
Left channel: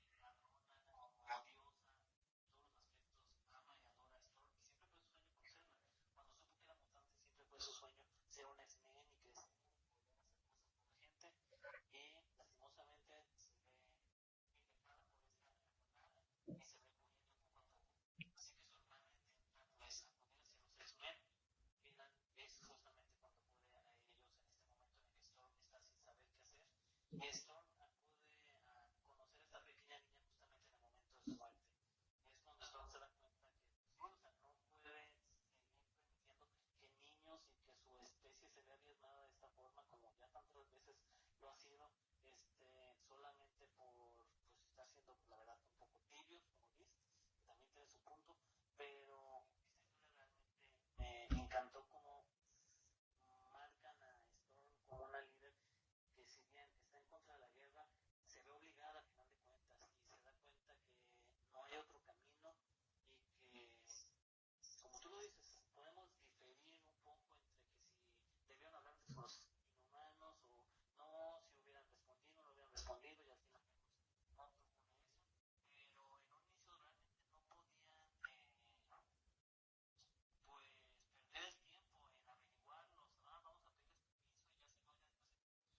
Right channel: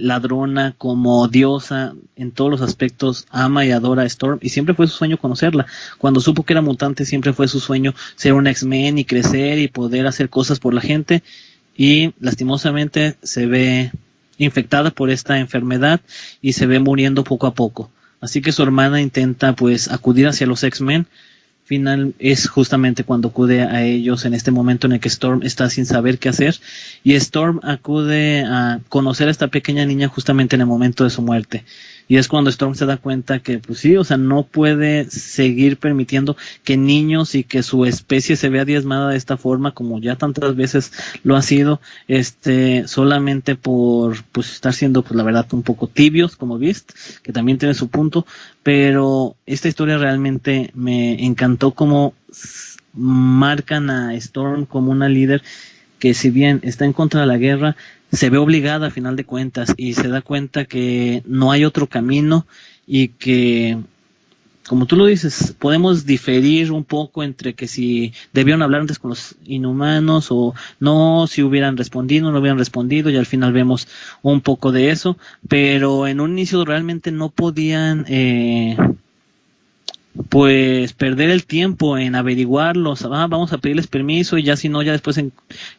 ladrona, como diosa, en todos los aspectos ama y adora a Storm, y siempre fue su sueño conocerla. Cuando supo que era mutante, siempre fue su sueño ser un X-Men y crecer y poder hacer cosas por la gente, y lastimosamente se ve infectada por esta enfermedad y se ve muriendo poco a poco. Así que su hermana intenta pues acudir hacia los X-Men. Final es justamente cuando acude a ellos en este momento en el que Storm está sin saber qué hacer, y Storm acude a conocer a esta pequeña niña justamente en el momento de su muerte, y es cuando Storm se da cuenta que pues sí, o sea, no puede seguir permitiendo que niños y que su especie se vea diezmada de esta forma, como ya tantas veces lo ha sido, solamente por pues estar siendo pues la verdad un poco tibios como Beast, que también tiene su punto. Pero esta historia realmente me encantó como marcan a Storm como una líder que, si bien está en contra de la guerra, se ve obligada a final de cuentas y se da cuenta que no hay otro camino, y que, como tú lo dices, podemos diferir un poco entre que si debieron hablar antes con los inhumanos o no, si hubieran respondido o no hubieran respondido, y al final vemos un poco de eso, pero en un inicio realmente no podían pues perder el tiempo en averiguarlos. Vamos a pedirles permiso y ya, si no, ya después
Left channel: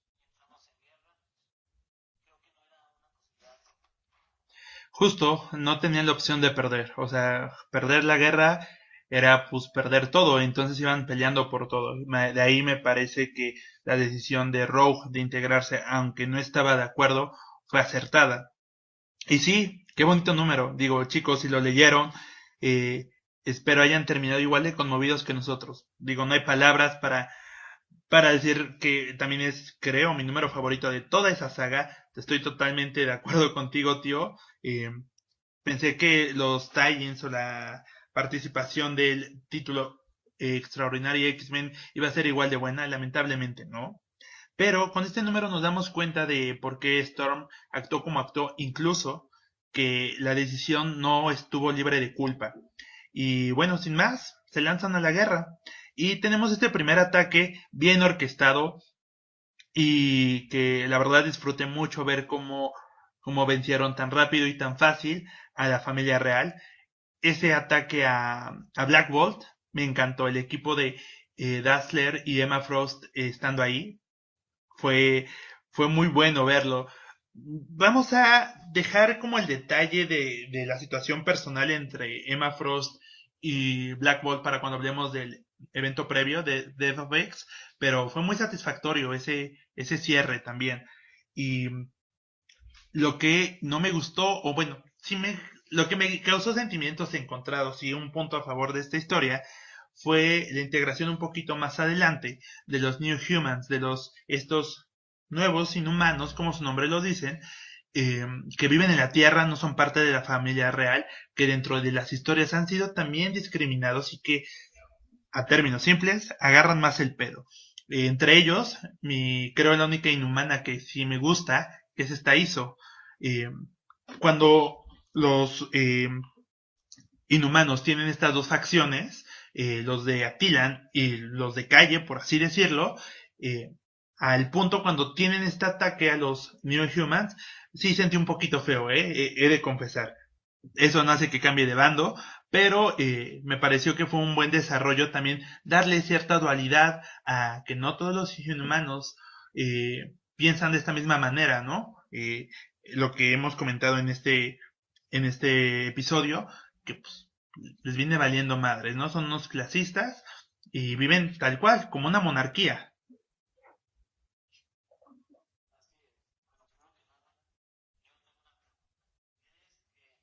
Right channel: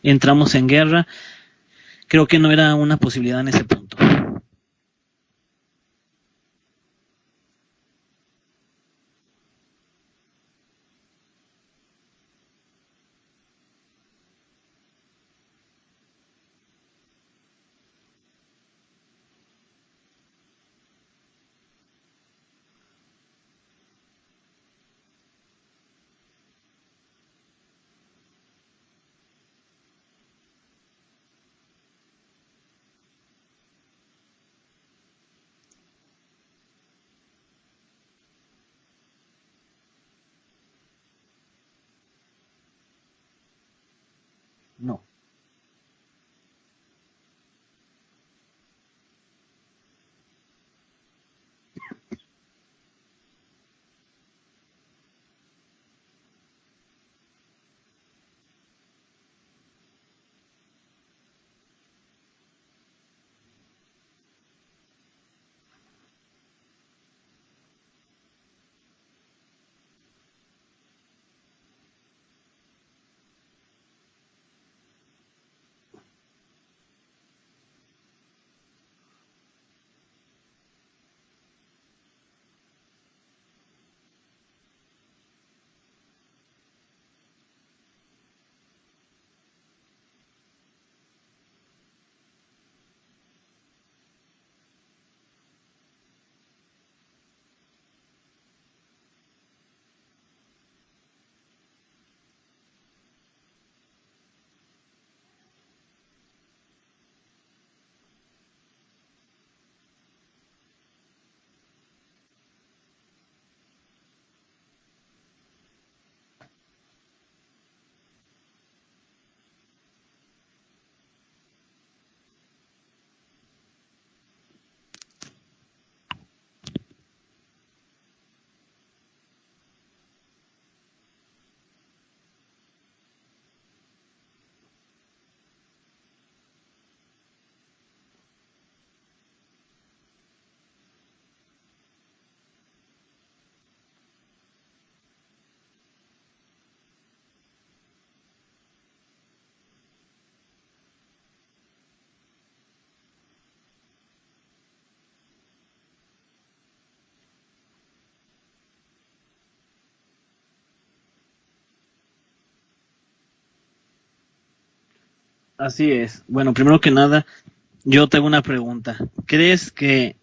entramos en guerra. Creo que no era una posibilidad en ese punto. Justo, no tenían la opción de perder. O sea, perder la guerra era pues perder todo. Entonces iban peleando por todo. De ahí me parece que la decisión de Rogue de integrarse, aunque no estaba de acuerdo, fue acertada. Y sí, qué bonito número. Digo, chicos, si lo leyeron, eh, espero hayan terminado igual de conmovidos que nosotros. Digo, no hay palabras para decir que también es, creo, mi número favorito de toda esa saga. Estoy totalmente de acuerdo contigo, tío. Pensé que los tie-ins o la participación del título Extraordinario X-Men iba a ser igual de buena, lamentablemente no. Pero No. con este número nos damos cuenta de por qué Storm actuó como actuó, incluso que la decisión no estuvo libre de culpa. Y bueno, sin más, se lanzan a la guerra. Y tenemos este primer ataque bien orquestado y que la verdad disfruté mucho ver cómo vencieron tan rápido y tan fácil a la familia real. Ese ataque a Black Bolt me encantó. El equipo de Dazzler y Emma Frost estando ahí fue, fue muy bueno verlo. Vamos a dejar como el detalle de la situación personal entre Emma Frost y Black Bolt para cuando hablemos del evento previo de Death of X, pero fue muy satisfactorio ese cierre también. Y lo que no me gustó, o bueno, lo que me causó sentimientos encontrados y un punto a favor de esta historia fue la integración un poquito más adelante de los New Humans, de estos nuevos inhumanos, como su nombre lo dicen, que viven en la Tierra, no son parte de la familia real, que dentro de las historias han sido también discriminados y que, a términos simples, agarran más el pedo. Entre ellos, creo la única inhumana que sí me gusta, que es esta ISO. Eh, Cuando los inhumanos tienen estas dos facciones, los de Attilan y los de Calle, por así decirlo, eh, al punto cuando tienen este ataque a los New Humans, sí sentí un poquito feo, he de confesar. Eso no hace que cambie de bando, pero me pareció que fue un buen desarrollo también darle cierta dualidad a que no todos los inhumanos piensan de esta misma manera, ¿no? Lo que hemos comentado en este episodio, que pues, les viene valiendo madres, ¿no? Son unos clasistas y viven tal cual, como una monarquía. Así es. Bueno, primero que nada, yo tengo una pregunta. ¿Crees que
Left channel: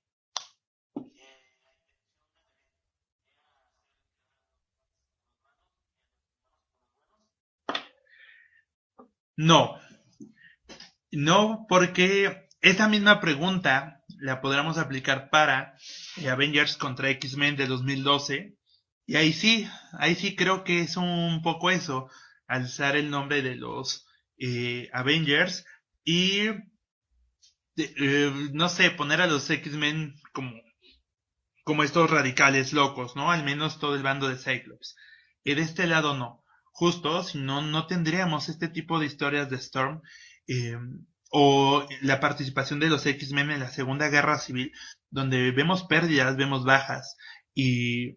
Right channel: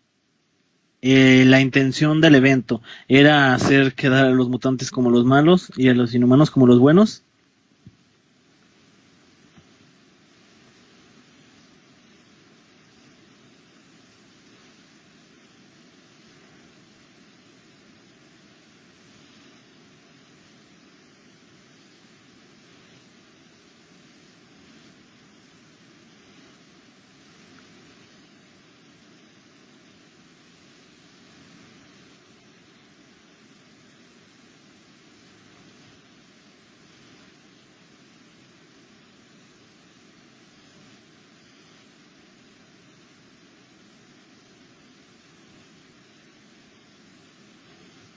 la intención del evento era hacer quedar a los mutantes como los malos y a los inhumanos como los buenos? No, no, porque esa misma pregunta la podríamos aplicar para Avengers contra X-Men de 2012. Y ahí sí creo que es un poco eso, alzar el nombre de los Avengers y, no sé, poner a los X-Men como estos radicales locos, ¿no? Al menos todo el bando de Cyclops. Y de este lado no. Justo, si no, no tendríamos este tipo de historias de Storm eh, o la participación de los X-Men en la Segunda Guerra Civil, donde vemos pérdidas, vemos bajas. Y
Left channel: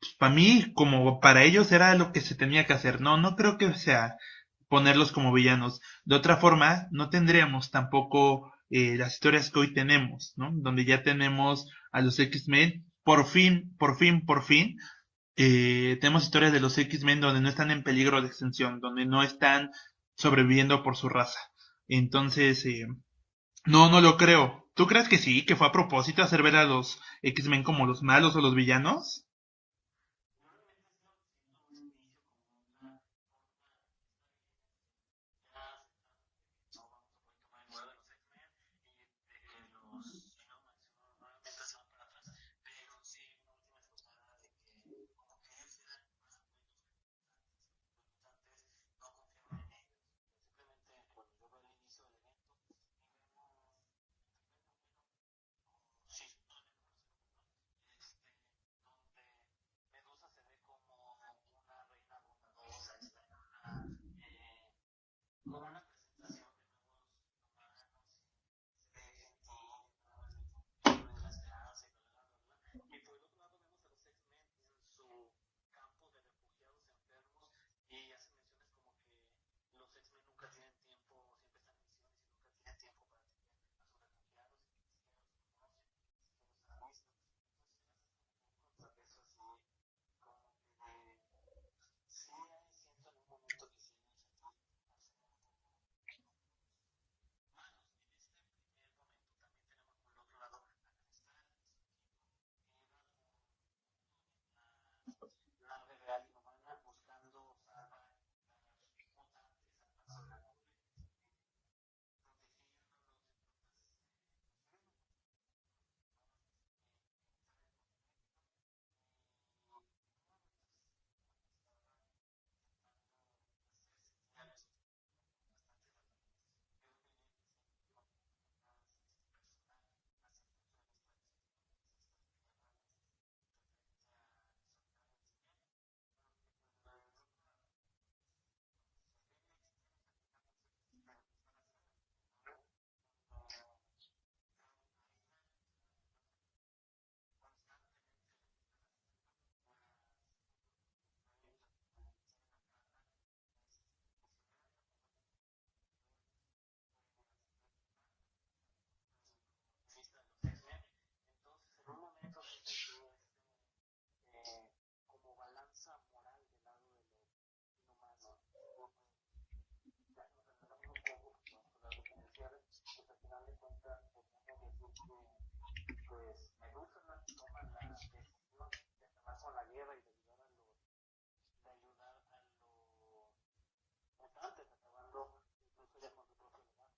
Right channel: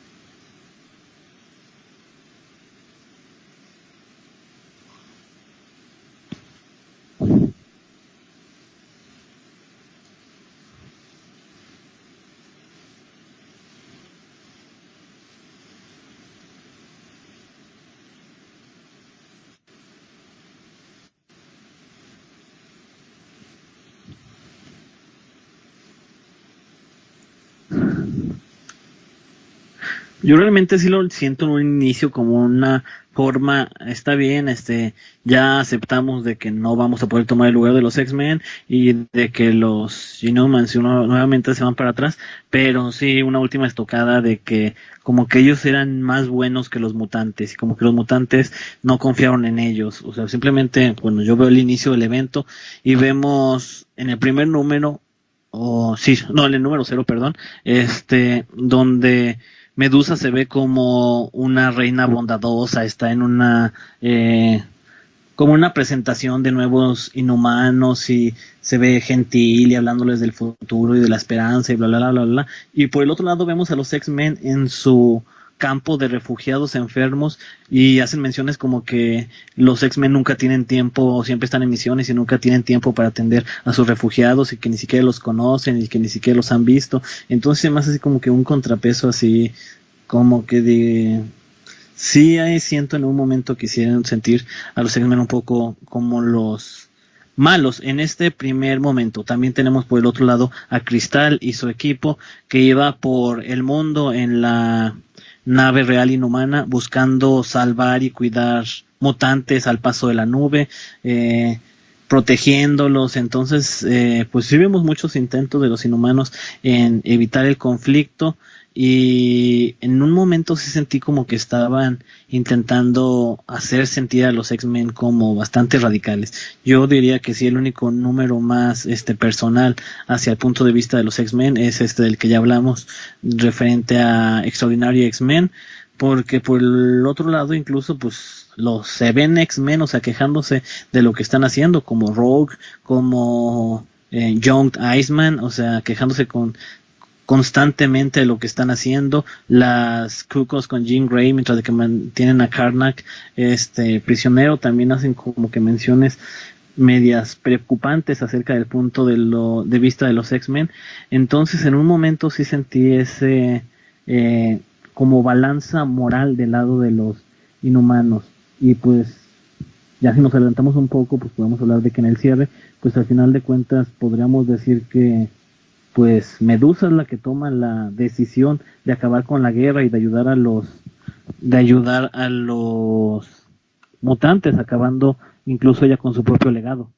pues, para mí, como para ellos, era lo que se tenía que hacer. No, no creo que sea ponerlos como villanos. De otra forma, no tendríamos tampoco las historias que hoy tenemos, ¿no? Donde ya tenemos a los X-Men, por fin, tenemos historias de los X-Men donde no están en peligro de extinción, donde no están sobreviviendo por su raza. Entonces, no, no lo creo. ¿Tú crees que sí, que fue a propósito hacer ver a los X-Men como los malos o los villanos? Yo realmente sí lo siento en un inicio como una forma, está bien, ya aceptamos de que no vamos a poder tomar el lugar de los X-Men y de que los Inhumans nuevamente se van para atrás, pero sí una última estocada de que como que ellos eran más buenos que los mutantes y como que los mutantes no confiaron en ellos, o sea, simplemente, bueno, yo veo el inicio del evento y vemos en el primer número, o sí, no, en el número 0, perdón, donde Medusa se ve como una reina bondadosa, está en como una presentación de nuevos inhumanos y se ve gentil y hablándoles del futuro y de la esperanza y bla, bla, bla, bla, bla. Y por el otro lado vemos a los X-Men en su campo de refugiados enfermos y hacen menciones como que los X-Men nunca tienen tiempo, siempre están en misiones y nunca tienen tiempo para atender a sus refugiados y que ni siquiera los conocen y que ni siquiera los han visto. Entonces se me hace así como que un contrapeso así como que de sí ahí siento en un momento quisieran sentir a los X-Men un poco como los malos en este primer momento. También tenemos por el otro lado a Cristal y su equipo, que iba por el mundo en la nave real inhumana buscando salvar y cuidar mutantes al paso de la nube, protegiéndolos. Entonces, pues sí vemos muchos intentos de los inhumanos en evitar el conflicto, y en un momento sí sentí como que estaban intentando hacer sentir a los X-Men como bastante radicales. Yo diría que sí, el único número más personal hacia el punto de vista de los X-Men es este del que ya hablamos, referente a Extraordinary X-Men, porque por el otro lado incluso pues los se ven X-Men, o sea, quejándose de lo que están haciendo, como Rogue, como Young Iceman, o sea, quejándose constantemente de lo que están haciendo, las Cucos con Jean Grey, mientras de que mantienen a Karnak prisionero. También hacen como que menciones medias preocupantes acerca del punto de vista de los X-Men. Entonces en un momento sí sentí ese como balanza moral del lado de los inhumanos. Y pues ya si nos adelantamos un poco, pues podemos hablar de que en el cierre, pues al final de cuentas podríamos decir que pues Medusa es la que toma la decisión de acabar con la guerra y de ayudar a los mutantes, acabando incluso ella con su propio legado.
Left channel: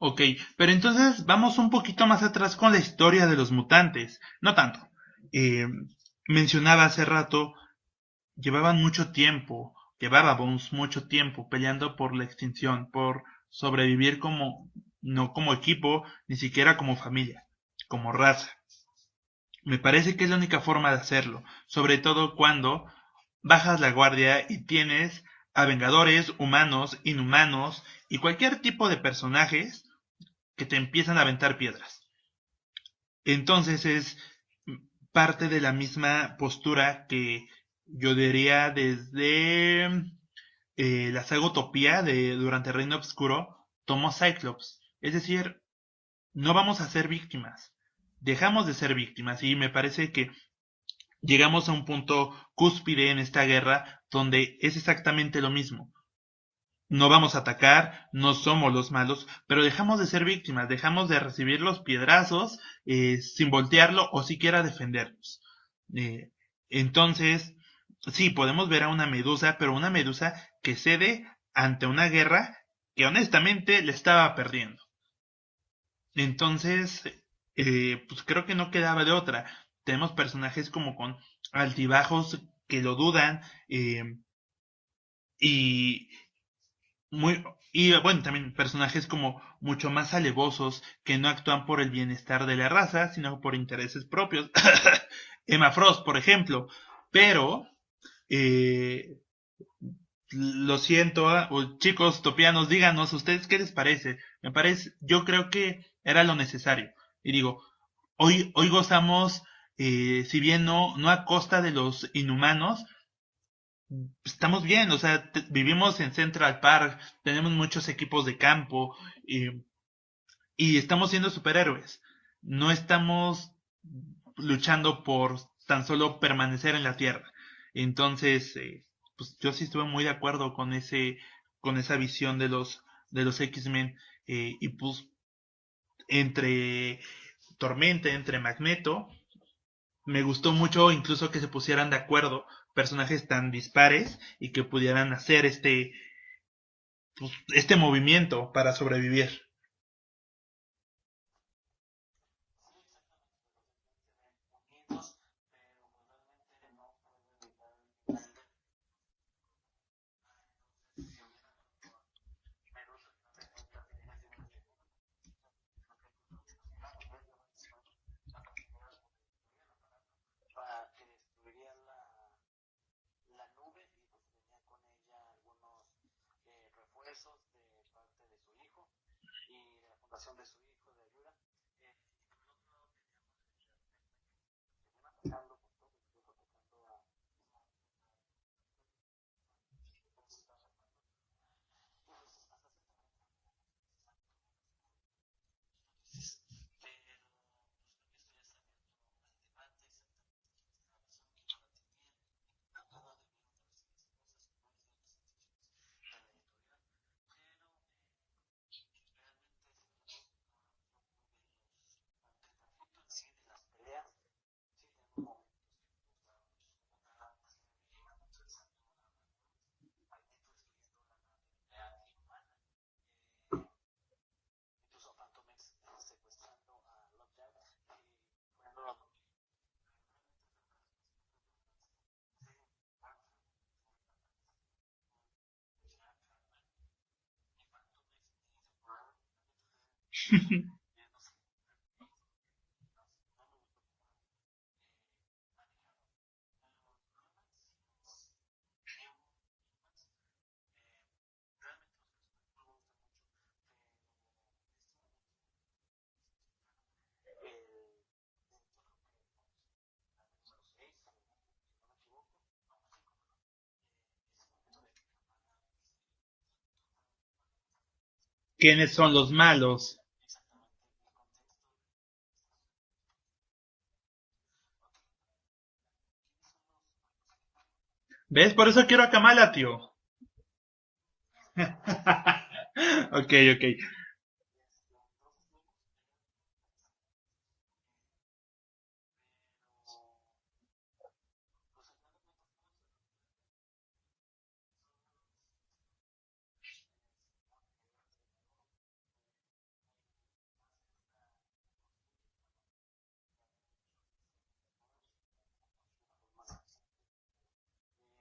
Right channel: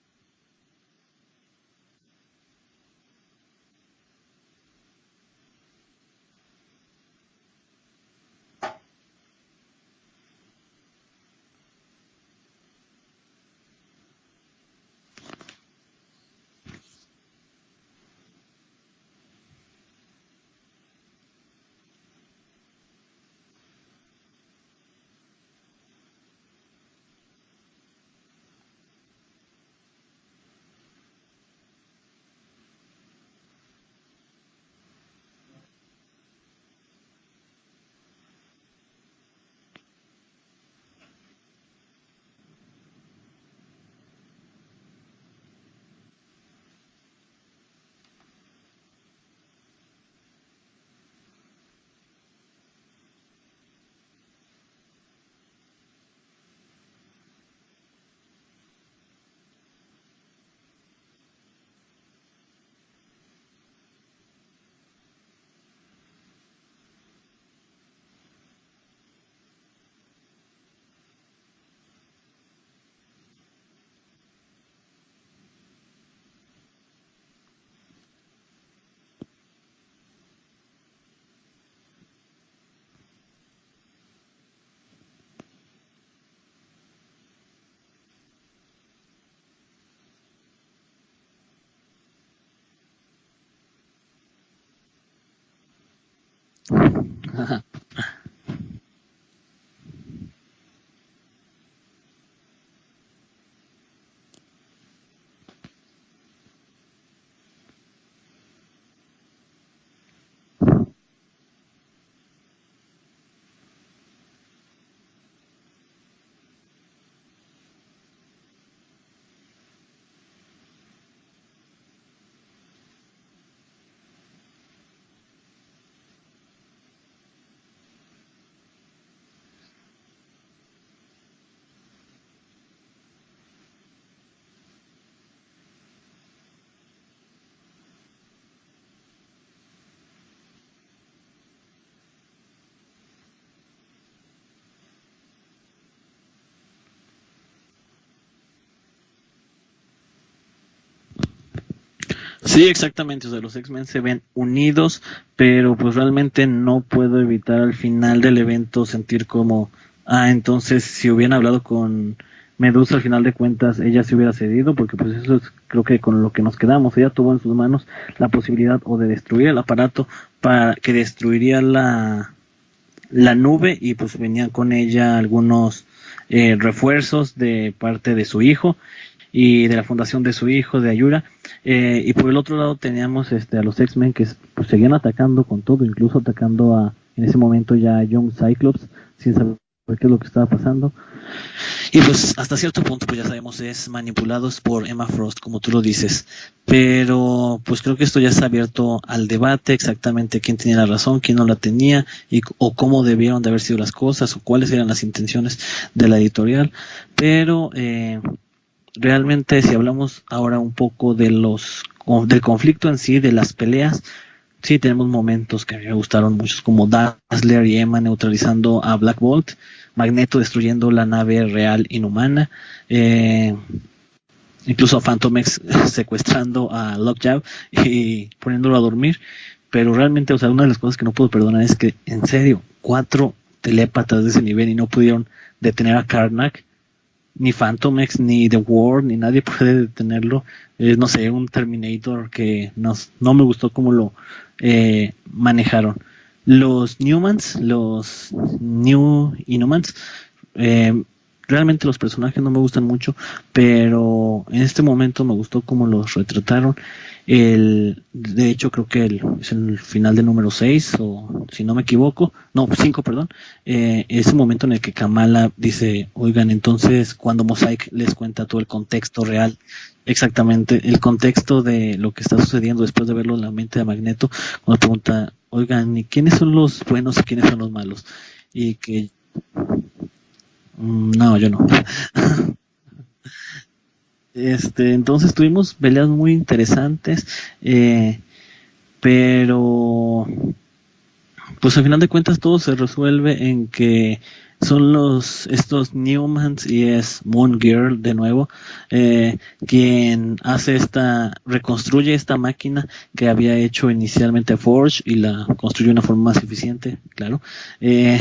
Ok, pero entonces vamos un poquito más atrás con la historia de los mutantes. No tanto. Eh, Mencionaba hace rato, llevábamos mucho tiempo peleando por la extinción, por sobrevivir no como equipo, ni siquiera como familia, como raza. Me parece que es la única forma de hacerlo, sobre todo cuando bajas la guardia y tienes a vengadores, humanos, inhumanos y cualquier tipo de personajes que te empiezan a aventar piedras. Entonces es parte de la misma postura que yo diría desde la saga Utopía durante el Reino Obscuro tomó Cyclops. Es decir, no vamos a ser víctimas. Dejamos de ser víctimas y me parece que llegamos a un punto cúspide en esta guerra donde es exactamente lo mismo. No vamos a atacar, no somos los malos, pero dejamos de ser víctimas, dejamos de recibir los piedrazos sin voltearlo o siquiera defendernos. Entonces, sí, podemos ver a una Medusa, pero una Medusa que cede ante una guerra que honestamente le estaba perdiendo. Entonces, pues creo que no quedaba de otra. Tenemos personajes como con altibajos que lo dudan, y muy y bueno, también personajes como mucho más alevosos que no actúan por el bienestar de la raza, sino por intereses propios. Emma Frost, por ejemplo. Pero eh, lo siento, chicos topianos, díganos ustedes qué les parece. Yo creo que era lo necesario. Y digo, hoy gozamos, si bien no a costa de los inhumanos, estamos bien, o sea, vivimos en Central Park, tenemos muchos equipos de campo, y estamos siendo superhéroes. No estamos luchando por tan solo permanecer en la Tierra. Entonces, pues yo sí estuve muy de acuerdo con esa visión de los X-Men, y pues entre Tormenta, entre Magneto, me gustó mucho incluso que se pusieran de acuerdo personajes tan dispares y que pudieran hacer este movimiento para sobrevivir. Sí, exactamente, o sea, los X-Men se ven unidos, pero pues realmente no puedo evitar al final del evento sentir como, entonces si hubieran hablado con Medusa al final de cuentas ella se hubiera cedido, porque pues eso es creo que con lo que nos quedamos. Ella tuvo en sus manos la posibilidad o de destruir el aparato para que destruiría la nube, y pues venían con ella algunos refuerzos de parte de su hijo y de la fundación de su hijo, de Ayura, y por el otro lado teníamos a los X-Men que pues seguían atacando con todo, incluso atacando en ese momento ya a Young Cyclops, sin saber qué es lo que estaba pasando. Y pues hasta cierto punto pues ya sabemos es manipulados por Emma Frost, como tú lo dices, pero pues creo que esto ya está abierto al debate, exactamente quién tenía la razón, quién no la tenía, o cómo debieron de haber sido las cosas, o cuáles eran las intenciones de la editorial. Pero realmente si hablamos ahora un poco de del conflicto en sí, de las peleas, sí tenemos momentos que a mí me gustaron muchos, como Dazzler y Emma neutralizando a Black Bolt, Magneto destruyendo la nave real inhumana, eh, incluso a Phantom X secuestrando a Lockjaw y poniéndolo a dormir. Pero realmente, o sea, una de las cosas que no puedo perdonar es que, en serio, 4 telépatas de ese nivel y no pudieron detener a Karnak, ni Phantom X, ni The World, ni nadie puede detenerlo. No sé, un Terminator que no me gustó cómo lo manejaron. Los Newmans, los New Inhumans, eh, realmente los personajes no me gustan mucho, pero en este momento me gustó cómo los retrataron. De hecho, creo que es el final del número 6, o si no me equivoco, no, 5, perdón. Ese momento en el que Kamala dice, oigan, entonces cuando Mosaic les cuenta todo el ¿Quiénes son contexto los real, malos? exactamente, el contexto de lo que está sucediendo después de verlo en la mente de Magneto, cuando pregunta, oigan, ¿y quiénes son los buenos y quiénes son los malos? ¿Ves? Por Y eso quiero que, a Kamala, tío. no, yo no. Ok, ok. Entonces tuvimos peleas muy interesantes, pero pues al final de cuentas todo se resuelve en que son estos Newmans y es Moon Girl de nuevo, quien reconstruye esta máquina que había hecho inicialmente Forge y la construye de una forma más eficiente, claro, eh,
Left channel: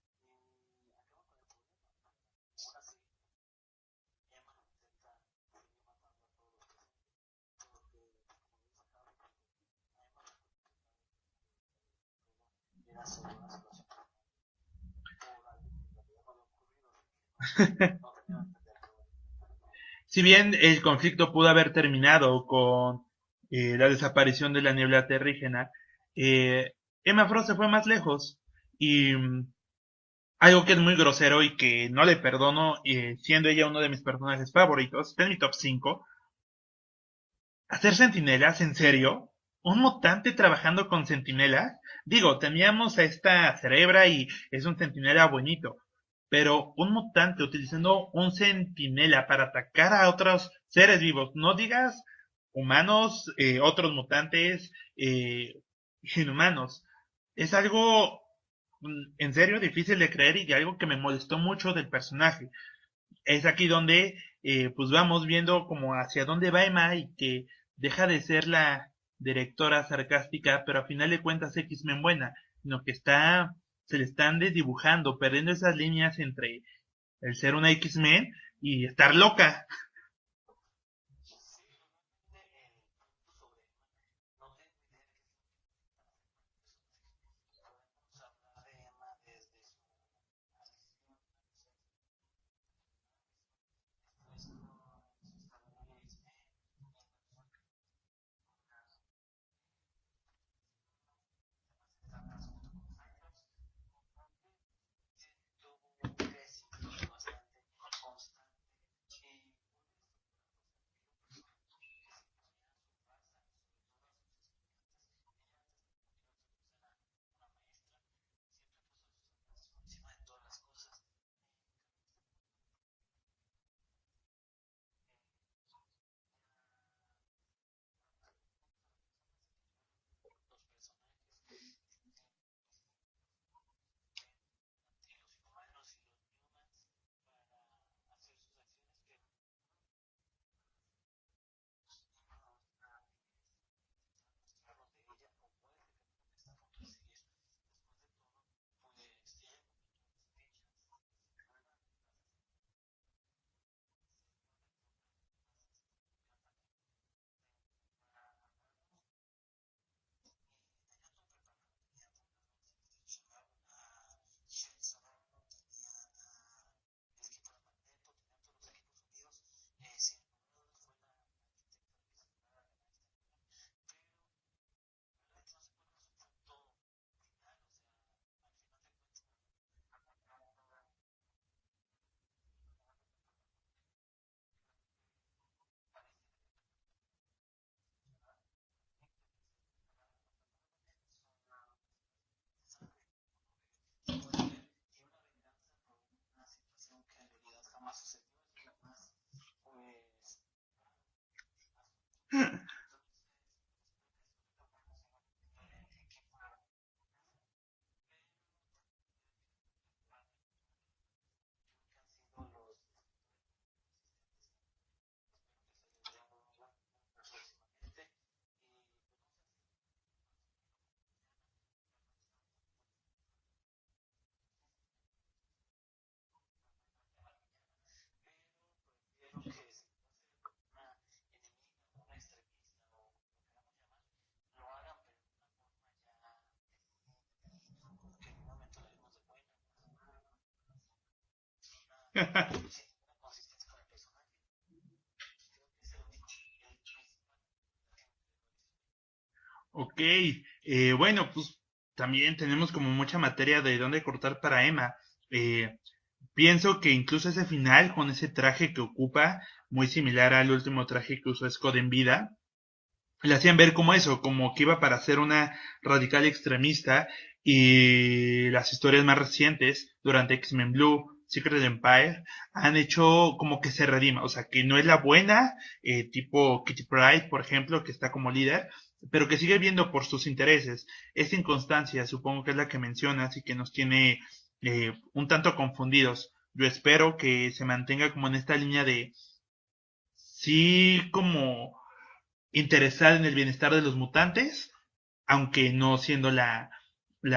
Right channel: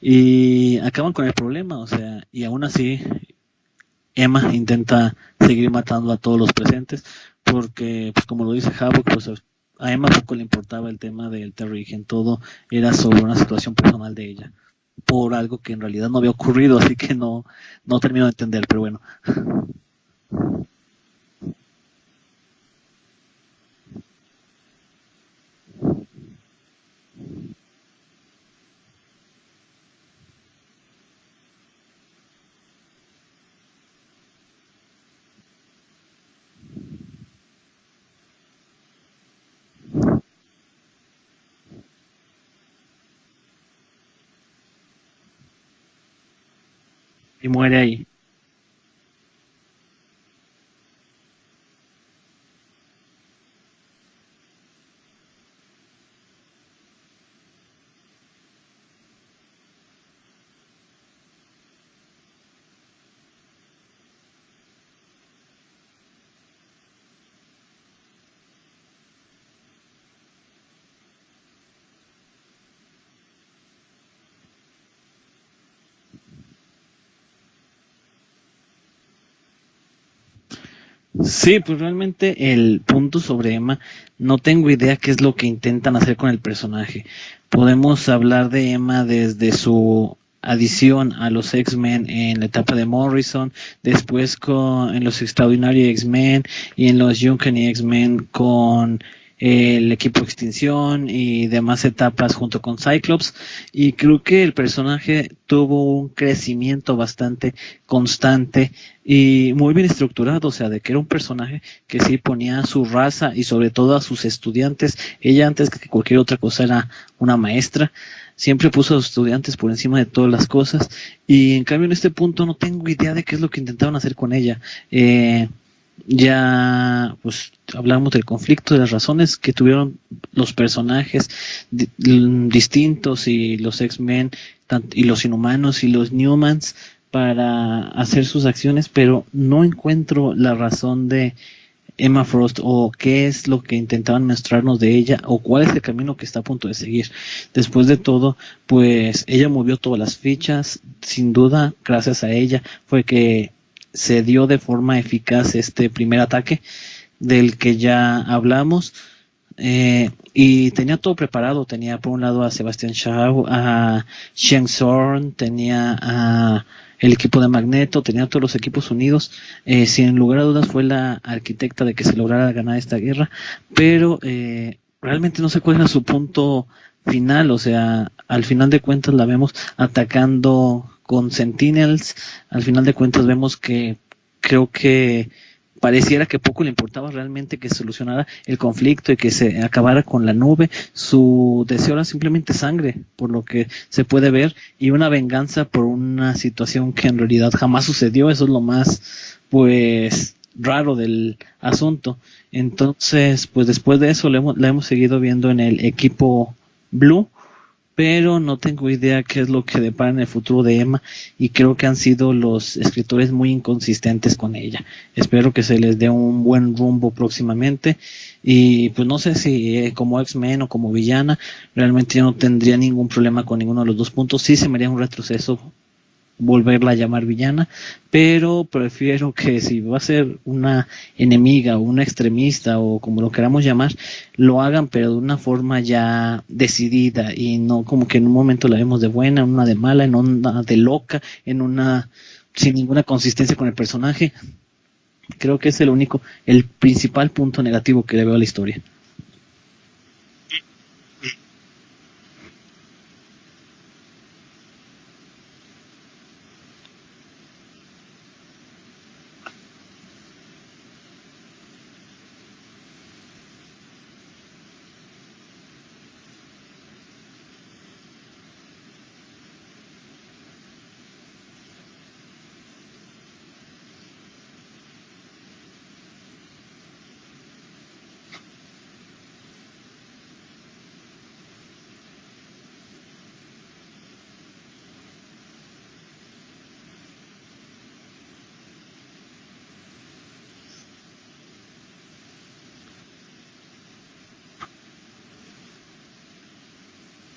y acaban con el problema, o sea, y aún así Emma intenta seguir matando a todos los presentes porque, pues como lo dice Havok, pues a Emma poco le importaba el tema del Terrigen, todo era sobre una situación personal de ella, por algo que en realidad no había ocurrido, así que no termino de entender, pero bueno. Si bien el conflicto pudo haber terminado con la desaparición de la niebla terrígena, Emma Frost se fue más lejos y algo que es muy grosero y que no le perdono, siendo ella uno de mis personajes favoritos, está en mi top 5. ¿Hacer centinelas? ¿En serio? ¿Un mutante trabajando con centinelas? Digo, teníamos a esta cerebra y es un centinela bonito. Pero un mutante Y muere ahí. utilizando un centinela para atacar a otros seres vivos, no digas humanos, otros mutantes, inhumanos. Es algo, en serio, difícil de creer y algo que me molestó mucho del personaje. Es aquí donde pues vamos viendo como hacia dónde va Emma y que deja de ser la directora sarcástica, pero a final de cuentas X-Men buena, sino que se le están desdibujando, perdiendo esas líneas entre el ser una X-Men y estar loca. Sí, pues realmente el punto sobre Emma, no tengo idea qué es lo que intentan hacer con el personaje. Podemos hablar de Emma desde su adición a los X-Men en la etapa de Morrison, después en los Extraordinary X-Men y en los Uncanny X-Men con el equipo Extinción y demás etapas junto con Cyclops, y creo que el personaje tuvo un crecimiento bastante constante y muy bien estructurado, o sea, de que era un personaje que sí ponía a su raza y sobre todo a sus estudiantes. Ella antes que cualquier otra cosa era una maestra, siempre puso a sus estudiantes por encima de todas las cosas, y en cambio en este punto no tengo idea de qué es lo que intentaban hacer con ella. Ya pues hablamos del conflicto, de las razones que tuvieron los personajes distintos y los X-Men y los Inhumanos y los Newmans para hacer sus acciones, pero no encuentro la razón de Emma Frost o qué es lo que intentaban mostrarnos de ella o cuál es el camino que está a punto de seguir. Después de todo, pues ella movió todas las fichas, sin duda, gracias a ella fue que se dio de forma eficaz este primer ataque del que ya hablamos. Y tenía todo preparado, tenía por un lado a Sebastian Shaw, a Shang Sorn, tenía a el equipo de Magneto, tenía todos los equipos unidos. Sin lugar a dudas fue la arquitecta de que se lograra ganar esta guerra, pero realmente no sé cuál era su punto final, o sea, al final de cuentas la vemos atacando con Sentinels, al final de cuentas vemos que creo que pareciera que poco le importaba realmente que se solucionara el conflicto y que se acabara con la nube. Su deseo era simplemente sangre, por lo que se puede ver, y una venganza por una situación que en realidad jamás sucedió. Eso es lo más, pues, raro del asunto. Entonces, pues después de eso la hemos seguido viendo en el equipo Blue, pero no tengo idea qué es lo que depara en el futuro de Emma, y creo que han sido los escritores muy inconsistentes con ella. Espero que se les dé un buen rumbo próximamente, y pues no sé si como X-Men o como villana, realmente yo no tendría ningún problema con ninguno de los dos puntos. Sí se me haría un retroceso volverla a llamar villana, pero prefiero que si va a ser una enemiga o una extremista o como lo queramos llamar, lo hagan pero de una forma ya decidida, y no como que en un momento la vemos de buena, en una de mala, en una de loca, en una sin ninguna consistencia con el personaje. Creo que es el principal punto negativo que le veo a la historia. Ok, bueno, pues también tenemos como mucha materia de dónde cortar para Emma. Eh, Pienso que incluso ese final, con ese traje que ocupa, muy similar al último traje que usó Scott en vida, le hacían ver como eso, como que iba para ser una radical extremista. Y las historias más recientes, durante X-Men Blue, Secret Empire, han hecho como que se redima, o sea, que no es la buena, tipo Kitty Pryde, por ejemplo, que está como líder, pero que sigue viendo por sus intereses. Esta inconstancia, supongo que es la que mencionas y que nos tiene un tanto confundidos. Yo espero que se mantenga como en esta línea de sí, como interesada en el bienestar de los mutantes, aunque no siendo la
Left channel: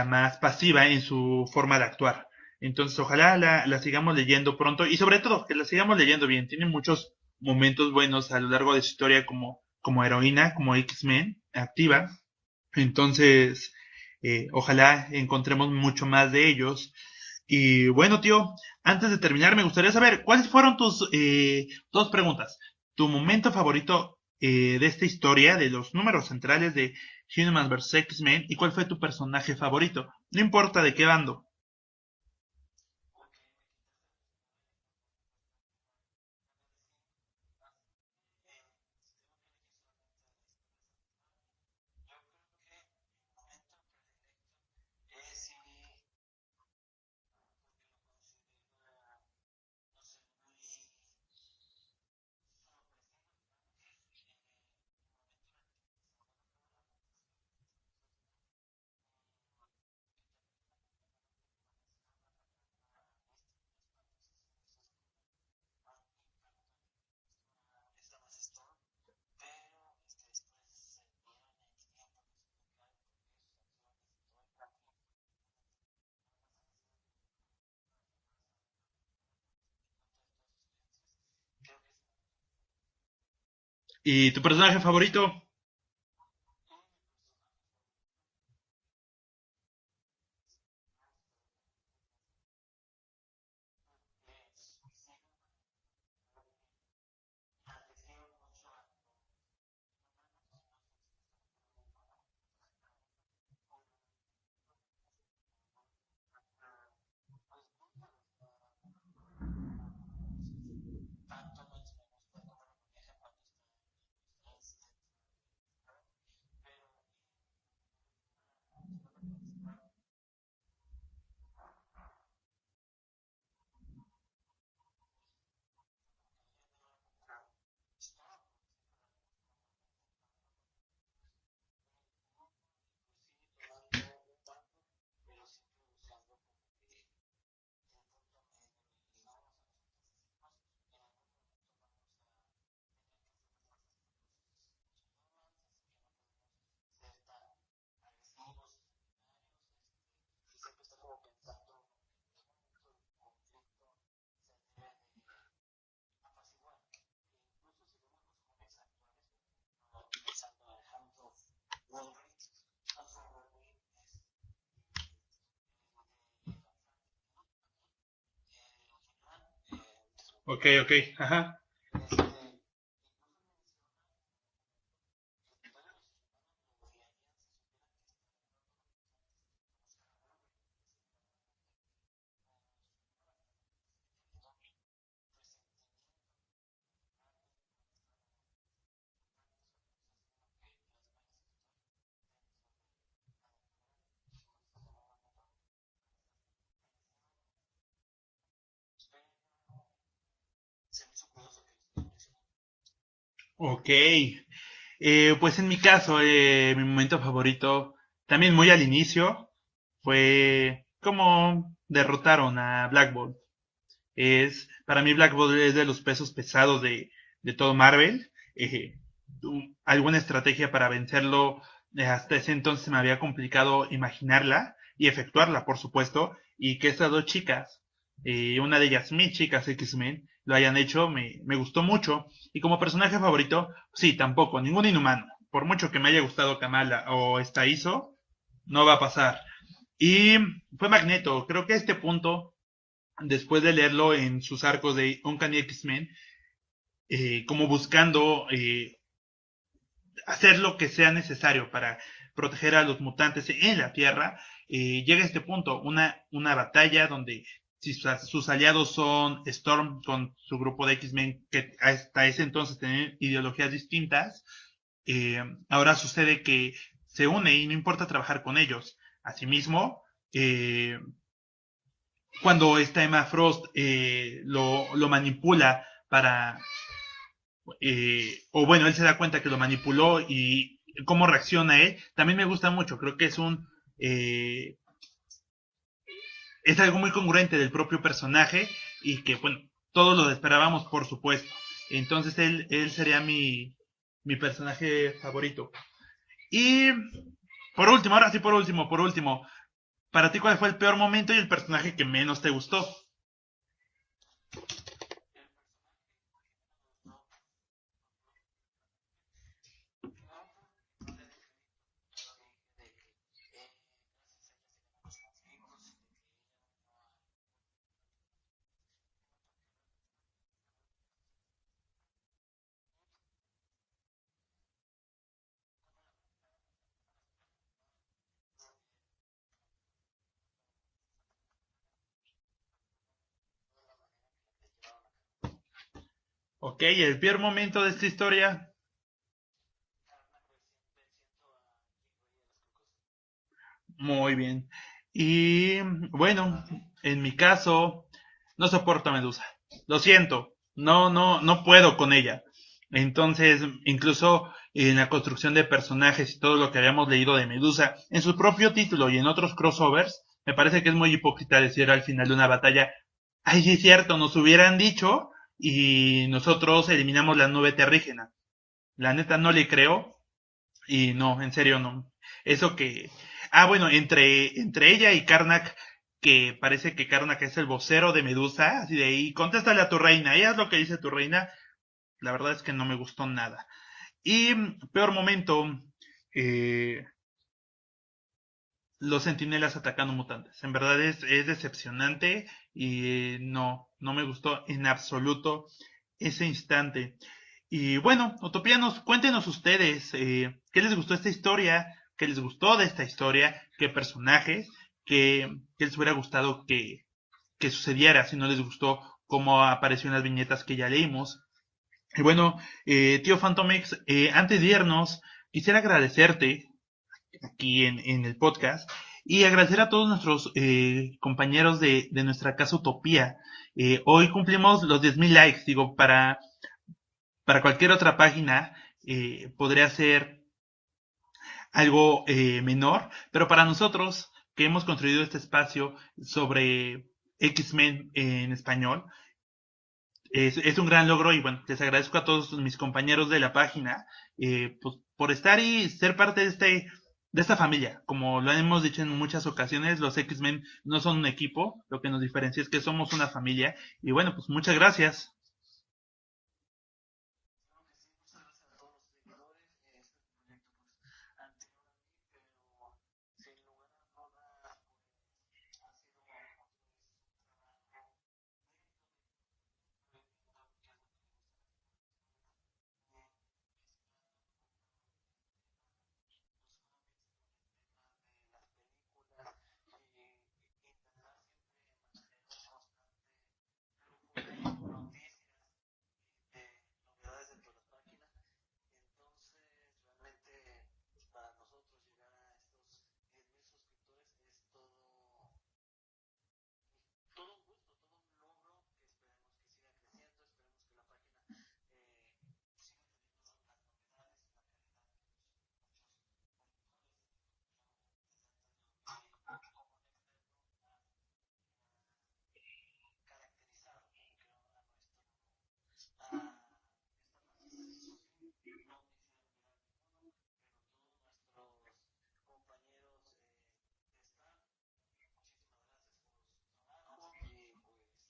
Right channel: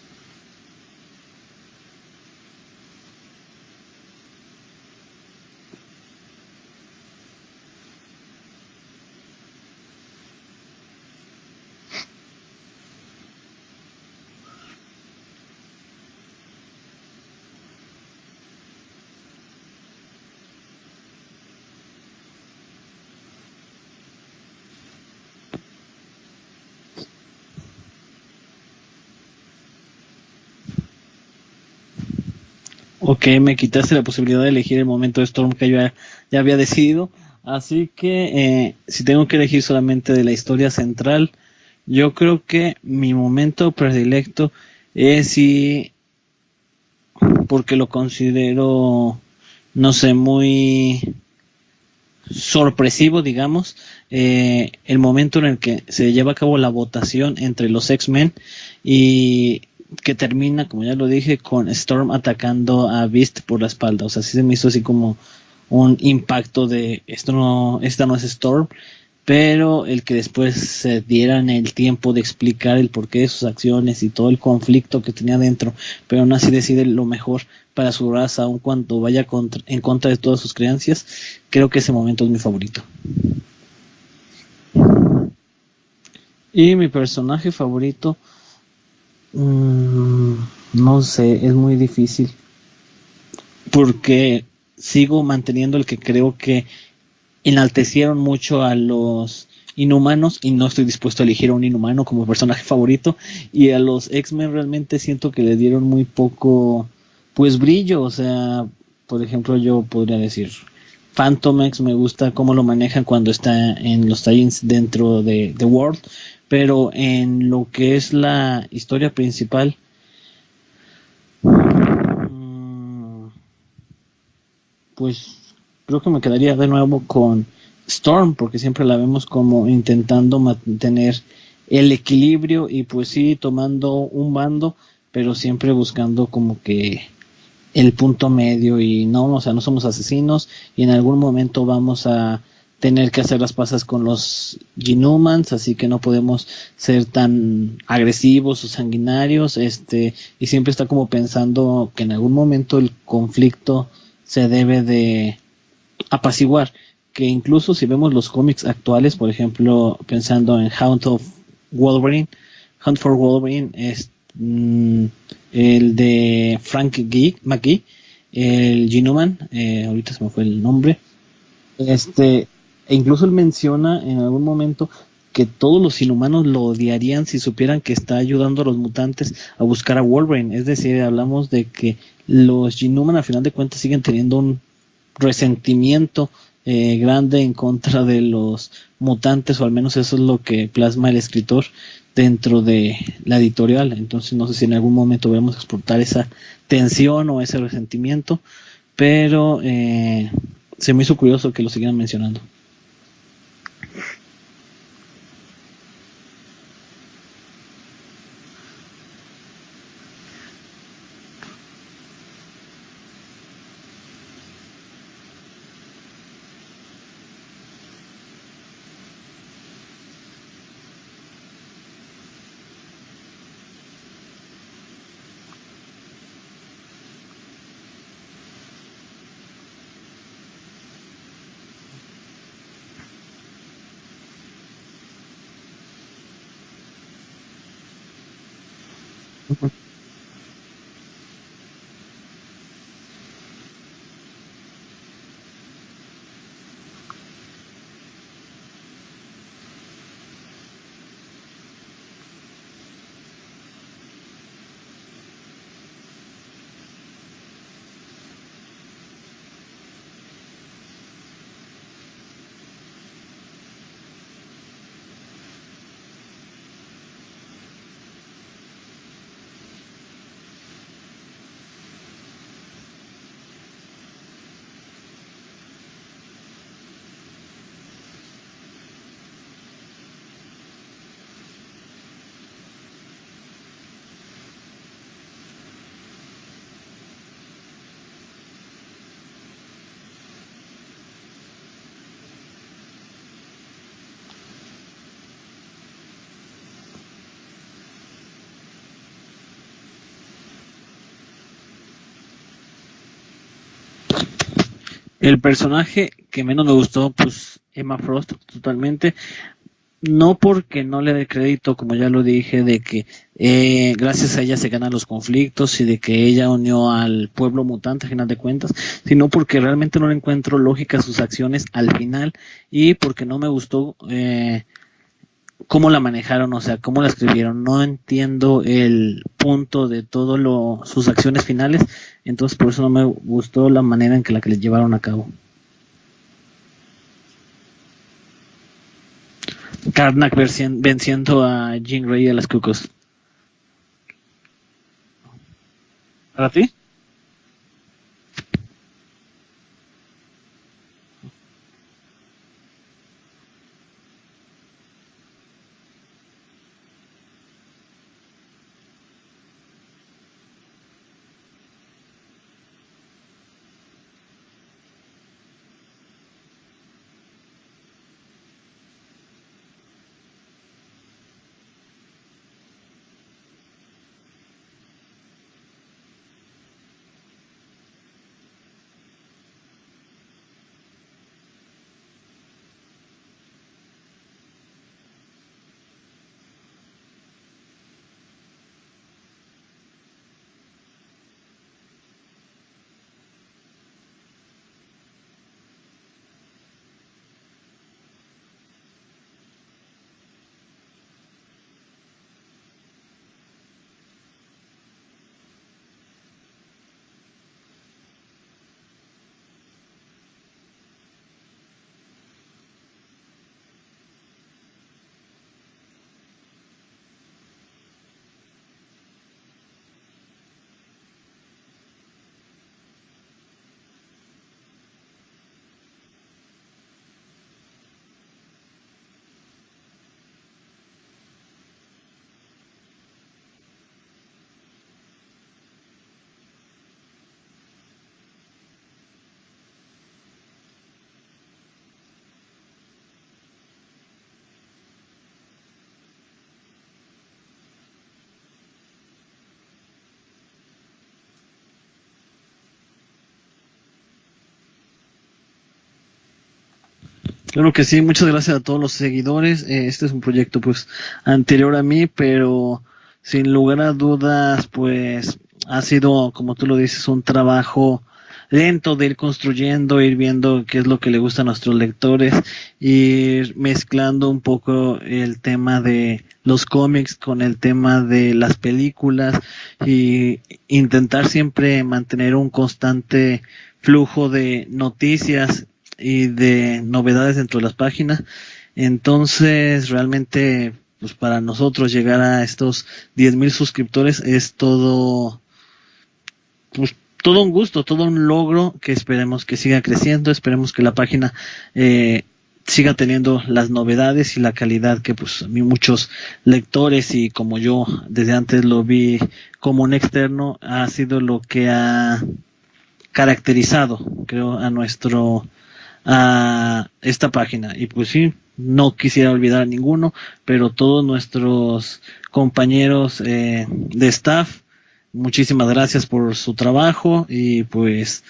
más pasiva en su forma de actuar. Entonces ojalá la sigamos leyendo pronto, y sobre todo que la sigamos leyendo bien. Tiene muchos momentos buenos a lo largo de su historia como heroína, como X-Men activa. Entonces ojalá encontremos mucho más de ellos. Y bueno, tío, antes de terminar me gustaría saber cuáles fueron tus dos preguntas. Tu momento favorito de esta historia, de los números centrales de Humans vs. X-Men, y cuál fue tu personaje favorito. No importa de qué bando. Ok, me quitaste la posibilidad de elegir el momento de Storm que yo ya había decidido. Así que si tengo que elegir solamente de la historia central, yo creo que mi momento predilecto es, si porque lo considero, no sé, muy sorpresivo, digamos, el momento en el que se lleva a cabo la votación entre los X-Men, y que termina, como ya lo dije, con Storm atacando a Beast por la espalda. O sea, sí se me hizo así como un impacto de esta no es Storm, pero el que después se dieran el tiempo de explicar el porqué de sus acciones y todo el conflicto que tenía dentro, pero aún así decide lo mejor para su raza, aun cuando vaya en contra de todas sus creencias. Creo que ese momento es mi favorito. ¿Y tu personaje favorito? Y mi personaje favorito, mmm, no sé, es muy difícil, porque sigo manteniendo el que creo que enaltecieron mucho a los inhumanos, y no estoy dispuesto a elegir a un inhumano como personaje favorito, y a los X-Men realmente siento que le dieron muy poco, pues, brillo. O sea, por ejemplo, yo podría decir Phantom X, me gusta cómo lo manejan cuando está en los tie-ins dentro de The World, pero en lo que es la historia principal, pues creo que me quedaría de nuevo con Storm, porque siempre la vemos como intentando mantener el equilibrio, y pues sí, tomando un bando, pero siempre buscando como que el punto medio. Y no, o sea, no somos asesinos, y en algún momento vamos a tener que hacer las pasas con los Ginumans, así que no podemos ser tan agresivos o sanguinarios, y siempre está como pensando que en algún momento el conflicto se debe de apaciguar, que incluso si vemos los cómics actuales, por ejemplo, pensando en Hunt for Wolverine, es el de Frank McGee, el Genuman, ahorita se me fue el Ok, nombre, ajá. e incluso él menciona en algún momento que todos los inhumanos lo odiarían si supieran que está ayudando a los mutantes a buscar a Wolverine. Es decir, hablamos de que los Inhuman al final de cuentas siguen teniendo un resentimiento grande en contra de los mutantes, o al menos eso es lo que plasma el escritor dentro de la editorial. Entonces no sé si en algún momento vamos a explotar esa tensión o ese resentimiento, pero se me hizo curioso que lo siguieran mencionando. Ok. Pues en mi caso, mi momento favorito, también muy al inicio, fue como derrotaron a Black Bolt. Para mí Black Bolt es de los pesos pesados de todo Marvel. Eh, Alguna estrategia para vencerlo hasta ese entonces me había complicado imaginarla y efectuarla, por supuesto. Y que estas dos chicas, una de ellas mis chicas X-Men, lo hayan hecho, me gustó mucho. Y como personaje favorito, sí, tampoco, ningún inhumano. Por mucho que me haya gustado Kamala o esta ISO, no va a pasar. Y fue Magneto. Creo que a este punto, después de leerlo en sus arcos de Uncanny X-Men, como buscando hacer lo que sea necesario para proteger a los mutantes en la Tierra, llega a este punto, una batalla donde sus aliados son Storm con su grupo de X-Men, que hasta ese entonces tenían ideologías distintas, ahora sucede que se une y no importa trabajar con ellos. Asimismo, cuando esta Emma Frost lo manipula para o bueno, él se da cuenta que lo manipuló y cómo reacciona él, también me gusta mucho. Creo que eh, es algo muy congruente del propio personaje y que, bueno, todos lo esperábamos, por supuesto. Entonces él sería mi personaje favorito. Y por último, ahora sí, por último, para ti, ¿cuál fue el peor momento y el personaje que menos te gustó? El personaje que menos me gustó, pues Emma Frost, totalmente. No porque no le dé crédito, como ya lo dije, de que gracias a ella se ganan los conflictos y de que ella unió al pueblo mutante, a final de cuentas, sino porque realmente no le encuentro lógica a sus acciones al final y porque no me gustó cómo la manejaron, o sea, cómo la escribieron. No entiendo el punto de todo sus acciones finales, entonces por eso no me gustó la manera en que la que le llevaron a cabo. Ok, el peor momento de esta historia. Karnak venciendo a Jean Grey y a las Cucos. Muy bien. Y ¿Para bueno, ti? en mi caso, no soporto a Medusa. Lo siento, no puedo con ella. Entonces, incluso en la construcción de personajes y todo lo que habíamos leído de Medusa, en su propio título y en otros crossovers, me parece que es muy hipócrita decir al final de una batalla, ay, sí es cierto, nos hubieran dicho y nosotros eliminamos la nube terrígena. La neta no le creo y no, en serio no. Eso que... Ah, bueno, entre ella y Karnak, que parece que Karnak es el vocero de Medusa, así de ahí, contéstale a tu reina, ella es lo que dice tu reina, la verdad es que no me gustó nada. Y peor momento, eh, los sentinelas atacando mutantes. En verdad es decepcionante y no me gustó en absoluto ese instante. Y bueno, utopianos, cuéntenos ustedes qué les gustó esta historia, qué les gustó de esta historia, qué personajes, qué les hubiera gustado que sucediera si no les gustó cómo apareció en las viñetas que ya leímos. Y bueno, tío Phantomix, antes de irnos, quisiera agradecerte aquí en el podcast y agradecer a todos nuestros compañeros de nuestra casa Utopía. Hoy cumplimos los 10.000 likes, digo, para cualquier otra página podría ser algo menor, pero para nosotros que hemos construido este espacio sobre X-Men en español, es un gran logro y bueno, les agradezco a todos mis compañeros de la página pues, por estar y ser parte de esta familia. Como lo hemos dicho en muchas ocasiones, los X-Men no son un equipo, lo que nos diferencia es que somos una familia y bueno, pues muchas gracias. Claro que sí, muchas gracias a todos los seguidores. Este es un proyecto pues anterior a mí, pero sin lugar a dudas pues ha sido, como tú lo dices, un trabajo lento de ir construyendo, ir viendo qué es lo que le gusta a nuestros lectores, ir mezclando un poco el tema de los cómics con el tema de las películas y intentar siempre mantener un constante flujo de noticias y de novedades dentro de las páginas. Entonces, realmente, pues para nosotros llegar a estos 10,000 suscriptores es todo, pues todo un gusto, todo un logro que esperemos que siga creciendo, esperemos que la página siga teniendo las novedades y la calidad que pues muchos lectores y como yo desde antes lo vi como un externo ha sido lo que ha caracterizado, creo, a esta página. Y pues sí, no quisiera olvidar a ninguno, pero todos nuestros compañeros de staff, muchísimas gracias por su trabajo y pues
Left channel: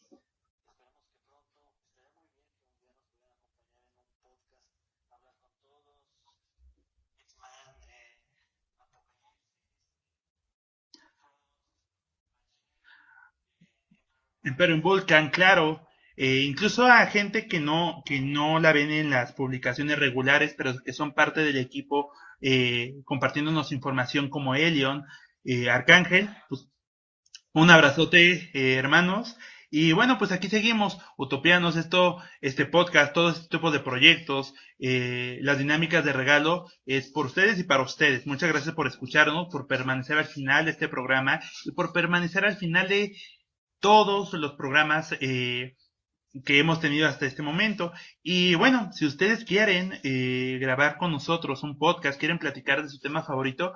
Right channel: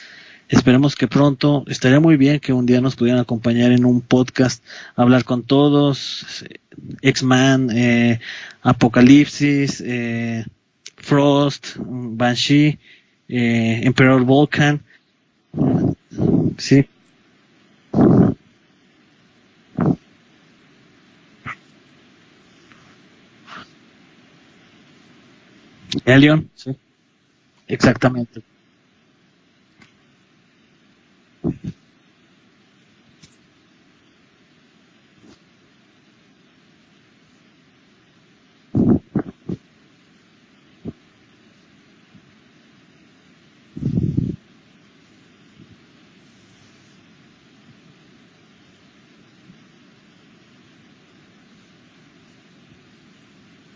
esperemos que pronto, estaría muy bien que un día nos pudieran acompañar en un podcast, hablar con todos, X-Man, Apocalipsis, Frost, Banshee, Emperor Pero Volcan. Volcan, claro, Sí, incluso a gente que no la ven en las publicaciones regulares, pero que son parte del equipo, compartiéndonos información como Elion, Arcángel, Elion, pues sí, un exactamente. abrazote, hermanos. Y bueno, pues aquí seguimos, Utopianos, este podcast, todo este tipo de proyectos, las dinámicas de regalo es por ustedes y para ustedes. Muchas gracias por escucharnos, por permanecer al final de este programa y por permanecer al final de todos los programas que hemos tenido hasta este momento. Y bueno, si ustedes quieren grabar con nosotros un podcast, quieren platicar de su tema favorito,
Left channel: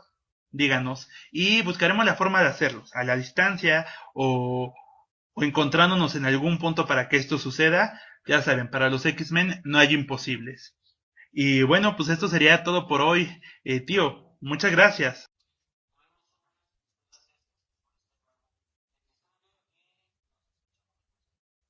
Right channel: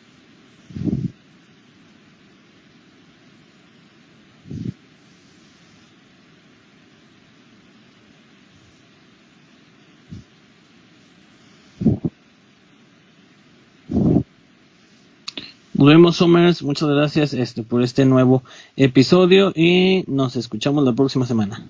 díganos y buscaremos la forma de hacerlo, a la distancia o encontrándonos en algún punto para que esto suceda. Ya saben, para los X-Men no hay imposibles. Y bueno, pues esto sería todo por hoy. Tío, muchas gracias. Nos vemos, Somers. Muchas gracias por este nuevo episodio y nos escuchamos la próxima semana.